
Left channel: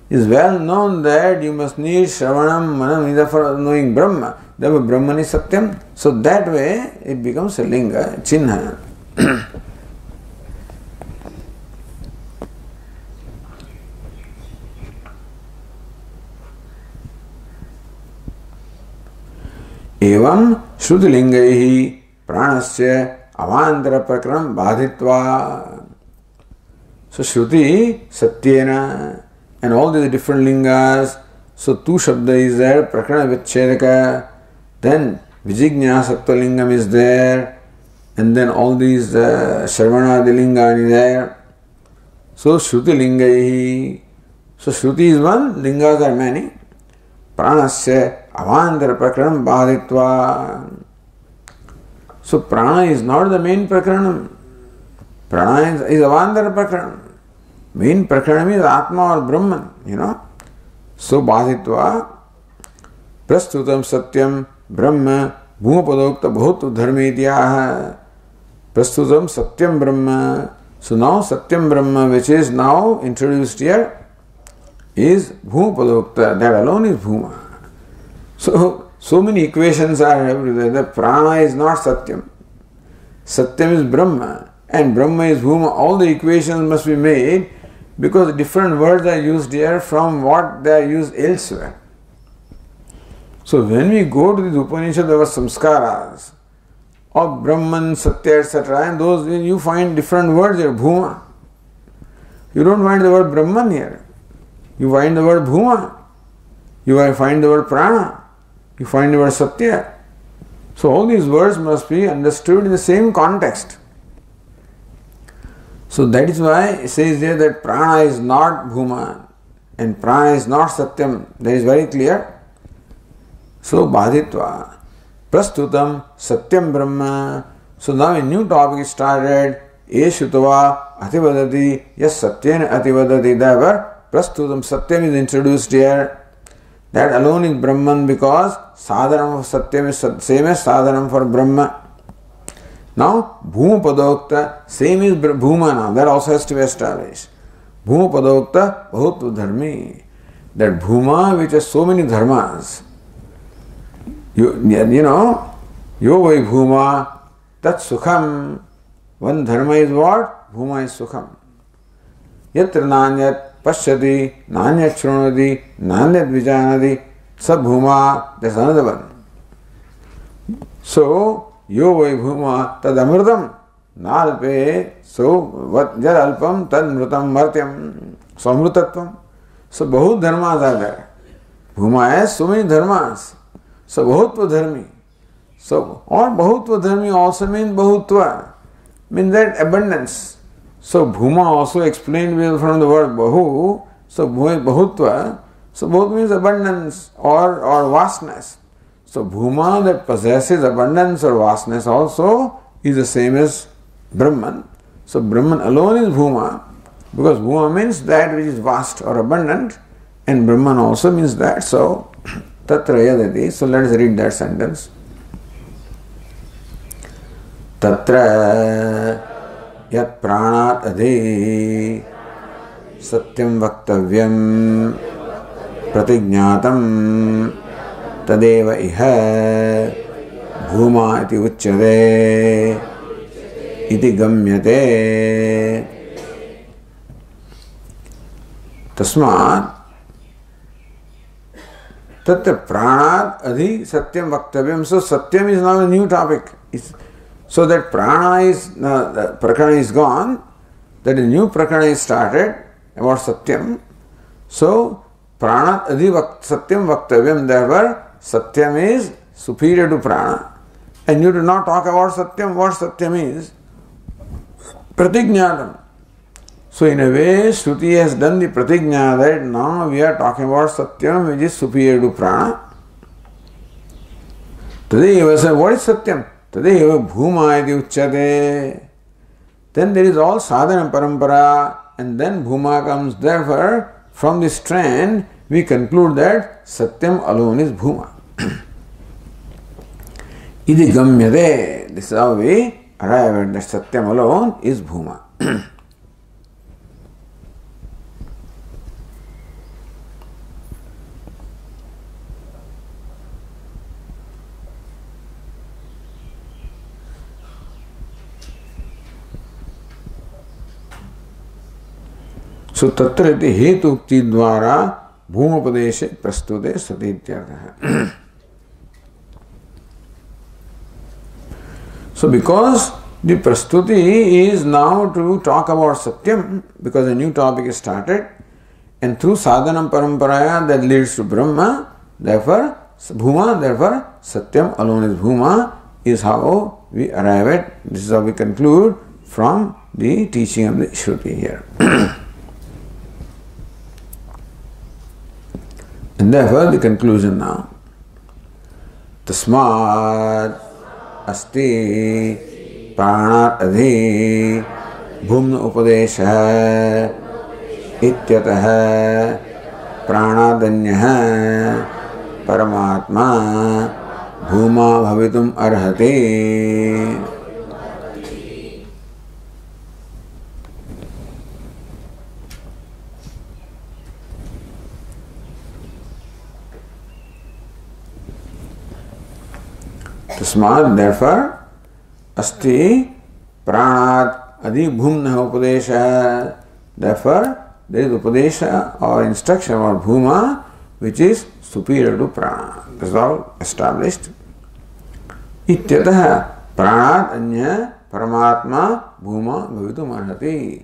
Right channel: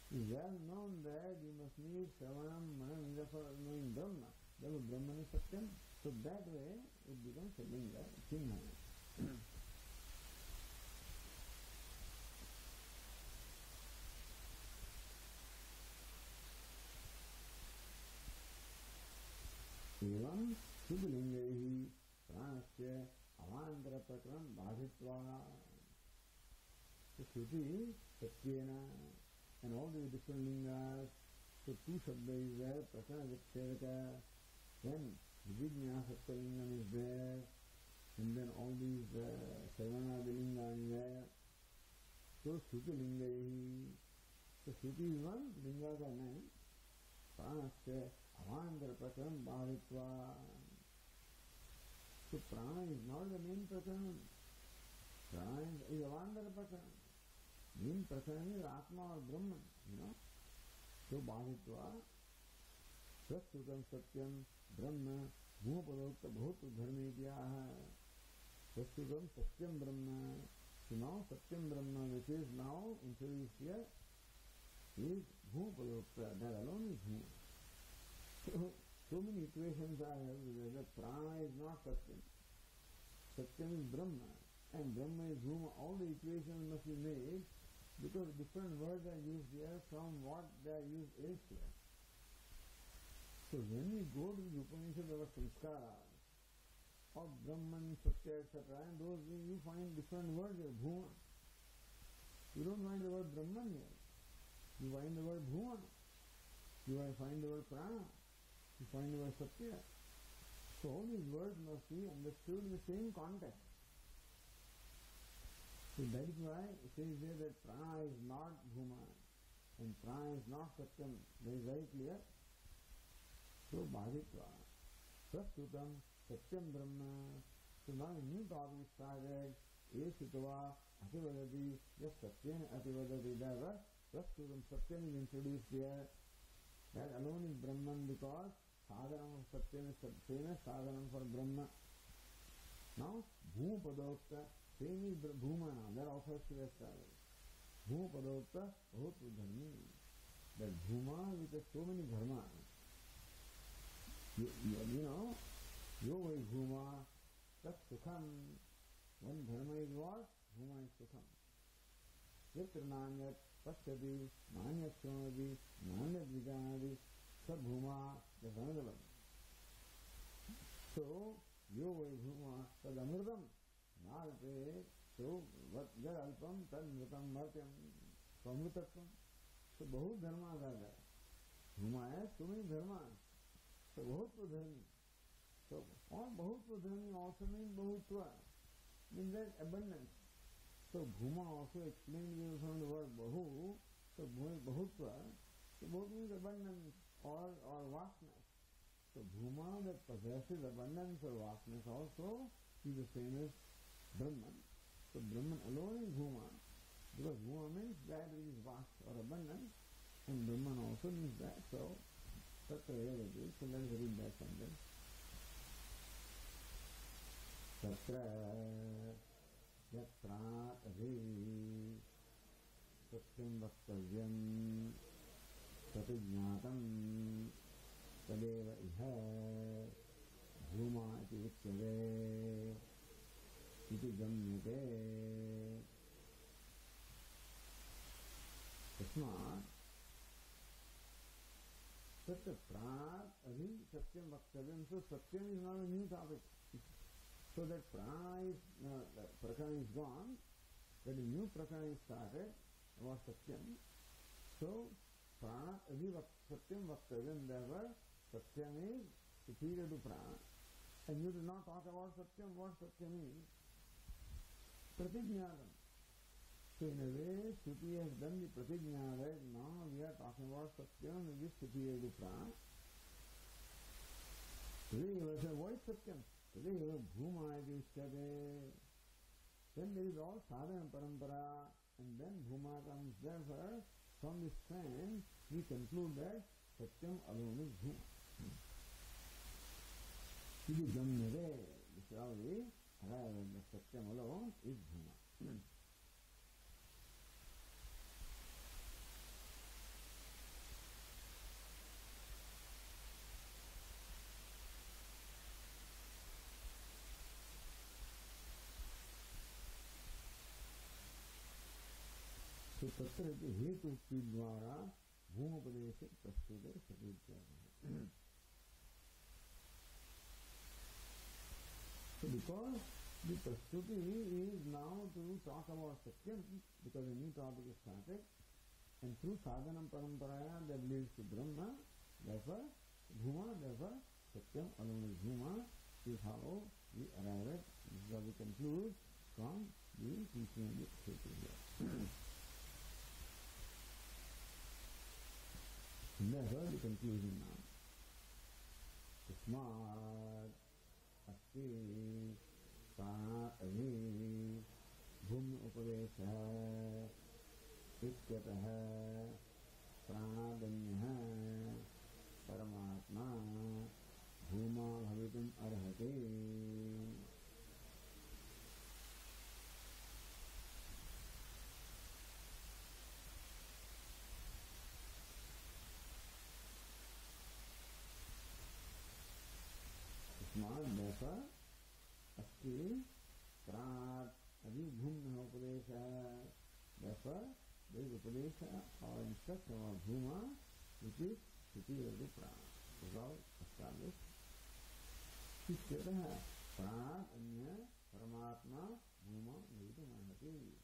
It is well known that you must need Shravanam, Mananam, Nidhyasanam for knowing Brahma. Therefore Brahman is Satyam. So that way it becomes a linga, chinha. एवं श्रुतिलिंगैः प्राणस्य अवांतर प्रकरणं बाधित्वा. So Shruti, Satyena, and all these different lingas. So two shabda is there, Prakarana Vichedaka, then Vijignyasatva lingam is there, and then all these Shravana lingani there. So Shruti lingaihi. So Shruti is one, lingas are many. Pranasya avantar prakaranam badhitva. So prana is not the main prakaranam. Prana is avantar prakaranam. Main prakaranam is Atma or Brahman, So badhitva prastutam satyam brahma bhumapadokta bhut dharmi idyaha. Prastutam satyam brahma. So now satyam brahma, which is now introduced here, is bhumapadokta. That alone is bhuma. So many equations are everywhere. The prana is not satyam. Satyam is Brahma and Brahma is bhuma. All the equations must be made because different words are used here from what they are used elsewhere. So when we go to the Upanishad, there were samskaras of Brahman, Satya, etc. And those you find different words here, bhuma. You don't find the word Brahman here. You find the word bhuma. You find the word prana. You find the word Satya. So all these words must be understood in the same context. So that is why it says there that prana is not bhuma and prana is not satyam. That is very clear. So badhitva prastutam satyam brahma. So now a new topic is started. Eshutava ativadati yes satyena ativadati. Therefore prastutam satyam is introduced here. That alone is Brahman because sadhanam for Satyam is same as sadhanam for Brahma. Now, Bhuma Padokta, same is Bhuma now. That also has to be established. Bhuma Padokta, Bahut Dharmi. That Bhuma which has so many dharmas. Yo vai Bhuma, Tat Sukham. One dharma is what? Bhuma is Sukham. Yatra Nanyat Pashyati, Nanyat Shrunati, Nanyat Vijanati, Sab Bhuma, that's another one. So, Yo vai Bhuma, Tad Amritam, Nalpe, so what Jad Alpam, Tad Mrutam Martyam, so Amrutatvam. So, Bahut Dharmas are there. Bhuma has so many dharmas. So, Bahutva Dharmi. So, or Bahutva Dharmi also means Bahutva, means that abundance. So Bhuma also explained from the word Bahu. So Bahutva. So Bahut means abundance or vastness. So Bhuma that possesses abundance or vastness also is the same as Brahman. So Brahman alone is Bhuma because Bhuma means that which is vast or abundant and Brahman also means that. So Tatra Yadati. So let us read that sentence. Tatra Yat pranat adhi सत्यं वक्तव्यं प्रतिज्ञातं तदेव इह भूमा इति उच्यते इति गम्यते। तस्मात् तत्र प्राणात् अधि सत्यं वक्तव्यं. So satyam is now a new topic. So that prana is, the prakarana is gone, that a new prakarana is started about satyam. So pranat adhi satyam vaktavyam, therefore satyam is superior to prana. And you do not talk about satyam. What satyam is? Pratignatam. So in a way, Shruti has done the pratigna that now we are talking about satyam which is superior to prana. Today you say, what is satyam? Today bhuma iti uchyate. Then there is all sadhana parampara, and then bhuma comes. Therefore, from this trend, we conclude that satyam alone is bhuma. Iti gamyate. This is how we arrive at that satyam alone is bhuma. So tatra iti hetu ukti dvara bhumapadeshe prastute sati ityartha. So because the prastuti is now to talk about satyam, because a new topic is started, and through sadhanam paramparaya that leads to Brahma, therefore bhuma, therefore satyam alone is bhuma, is how we arrive at, this is how we conclude from the teaching of the Shruti here. And therefore the conclusion now. Tasmat asti pranat adhi bhumna upadesha ityatah pranadanyah paramatma bhuma bhavitum arhati. Tasmat, therefore, asti pranat adi bhumna upadesha. Therefore, there is upadesha or instruction about bhuma which is superior to prana. This is all established. Ityatah pranat anya paramatma bhuma bhavitum arhati.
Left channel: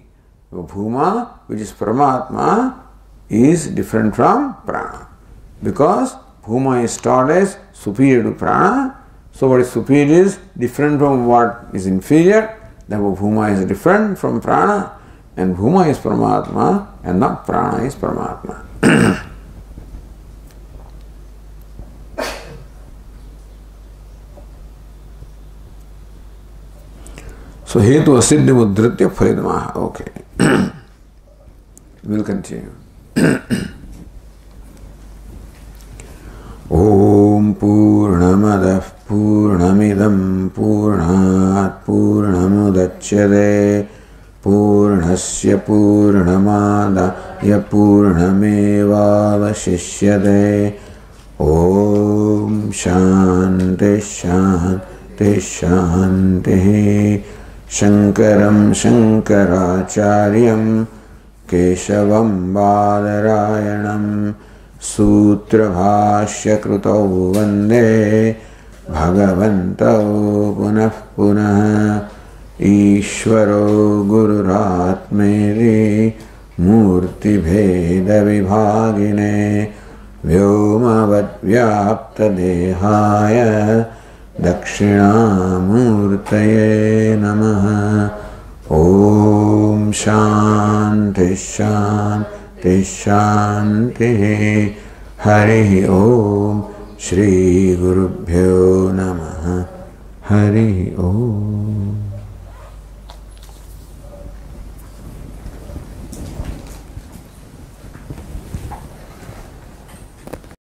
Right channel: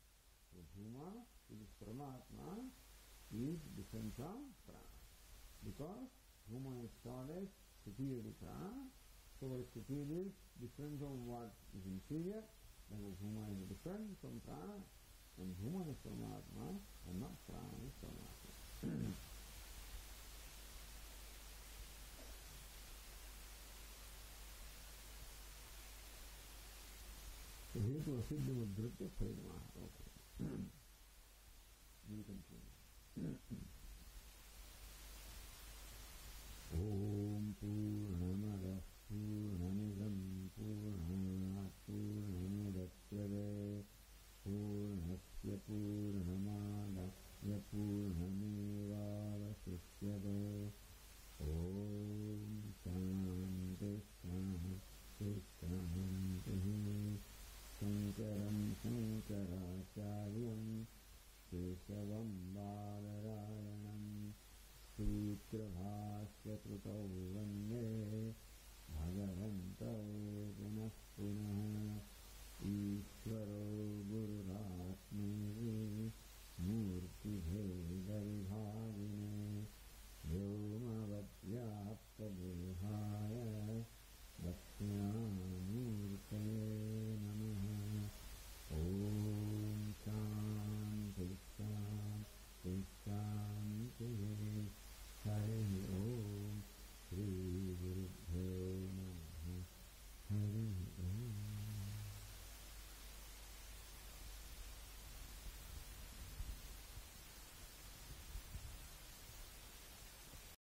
Bhuma, which is paramatma, is different from prana. Because bhuma is taught as superior to prana. So what is superior is different from what is inferior. Therefore bhuma is different from prana, and bhuma is paramatma and not prana is paramatma. So hetu asiddhi mudritya pharidamaha. Okay. We'll continue. Om Purnamadah Purnamidam Purnat Purnamudachyate Purnasya Purnamadaya Purnamevavashishyate. Om Shanti Shanti Shanti. Shankaram Shankaracharyam Keshavam Badarayanam Sutra Bhashya Krutau Vande Bhagavantau Punah Punah Ishvaro Gururatmeri Murti Bheda Vibhagine Vyomavat Vyapta Dehaya Dakshinamurtaye Namaha. Om Shanti Shanti Shanti. Hari Om. Shri Gurubhyo Namaha. Hari Om.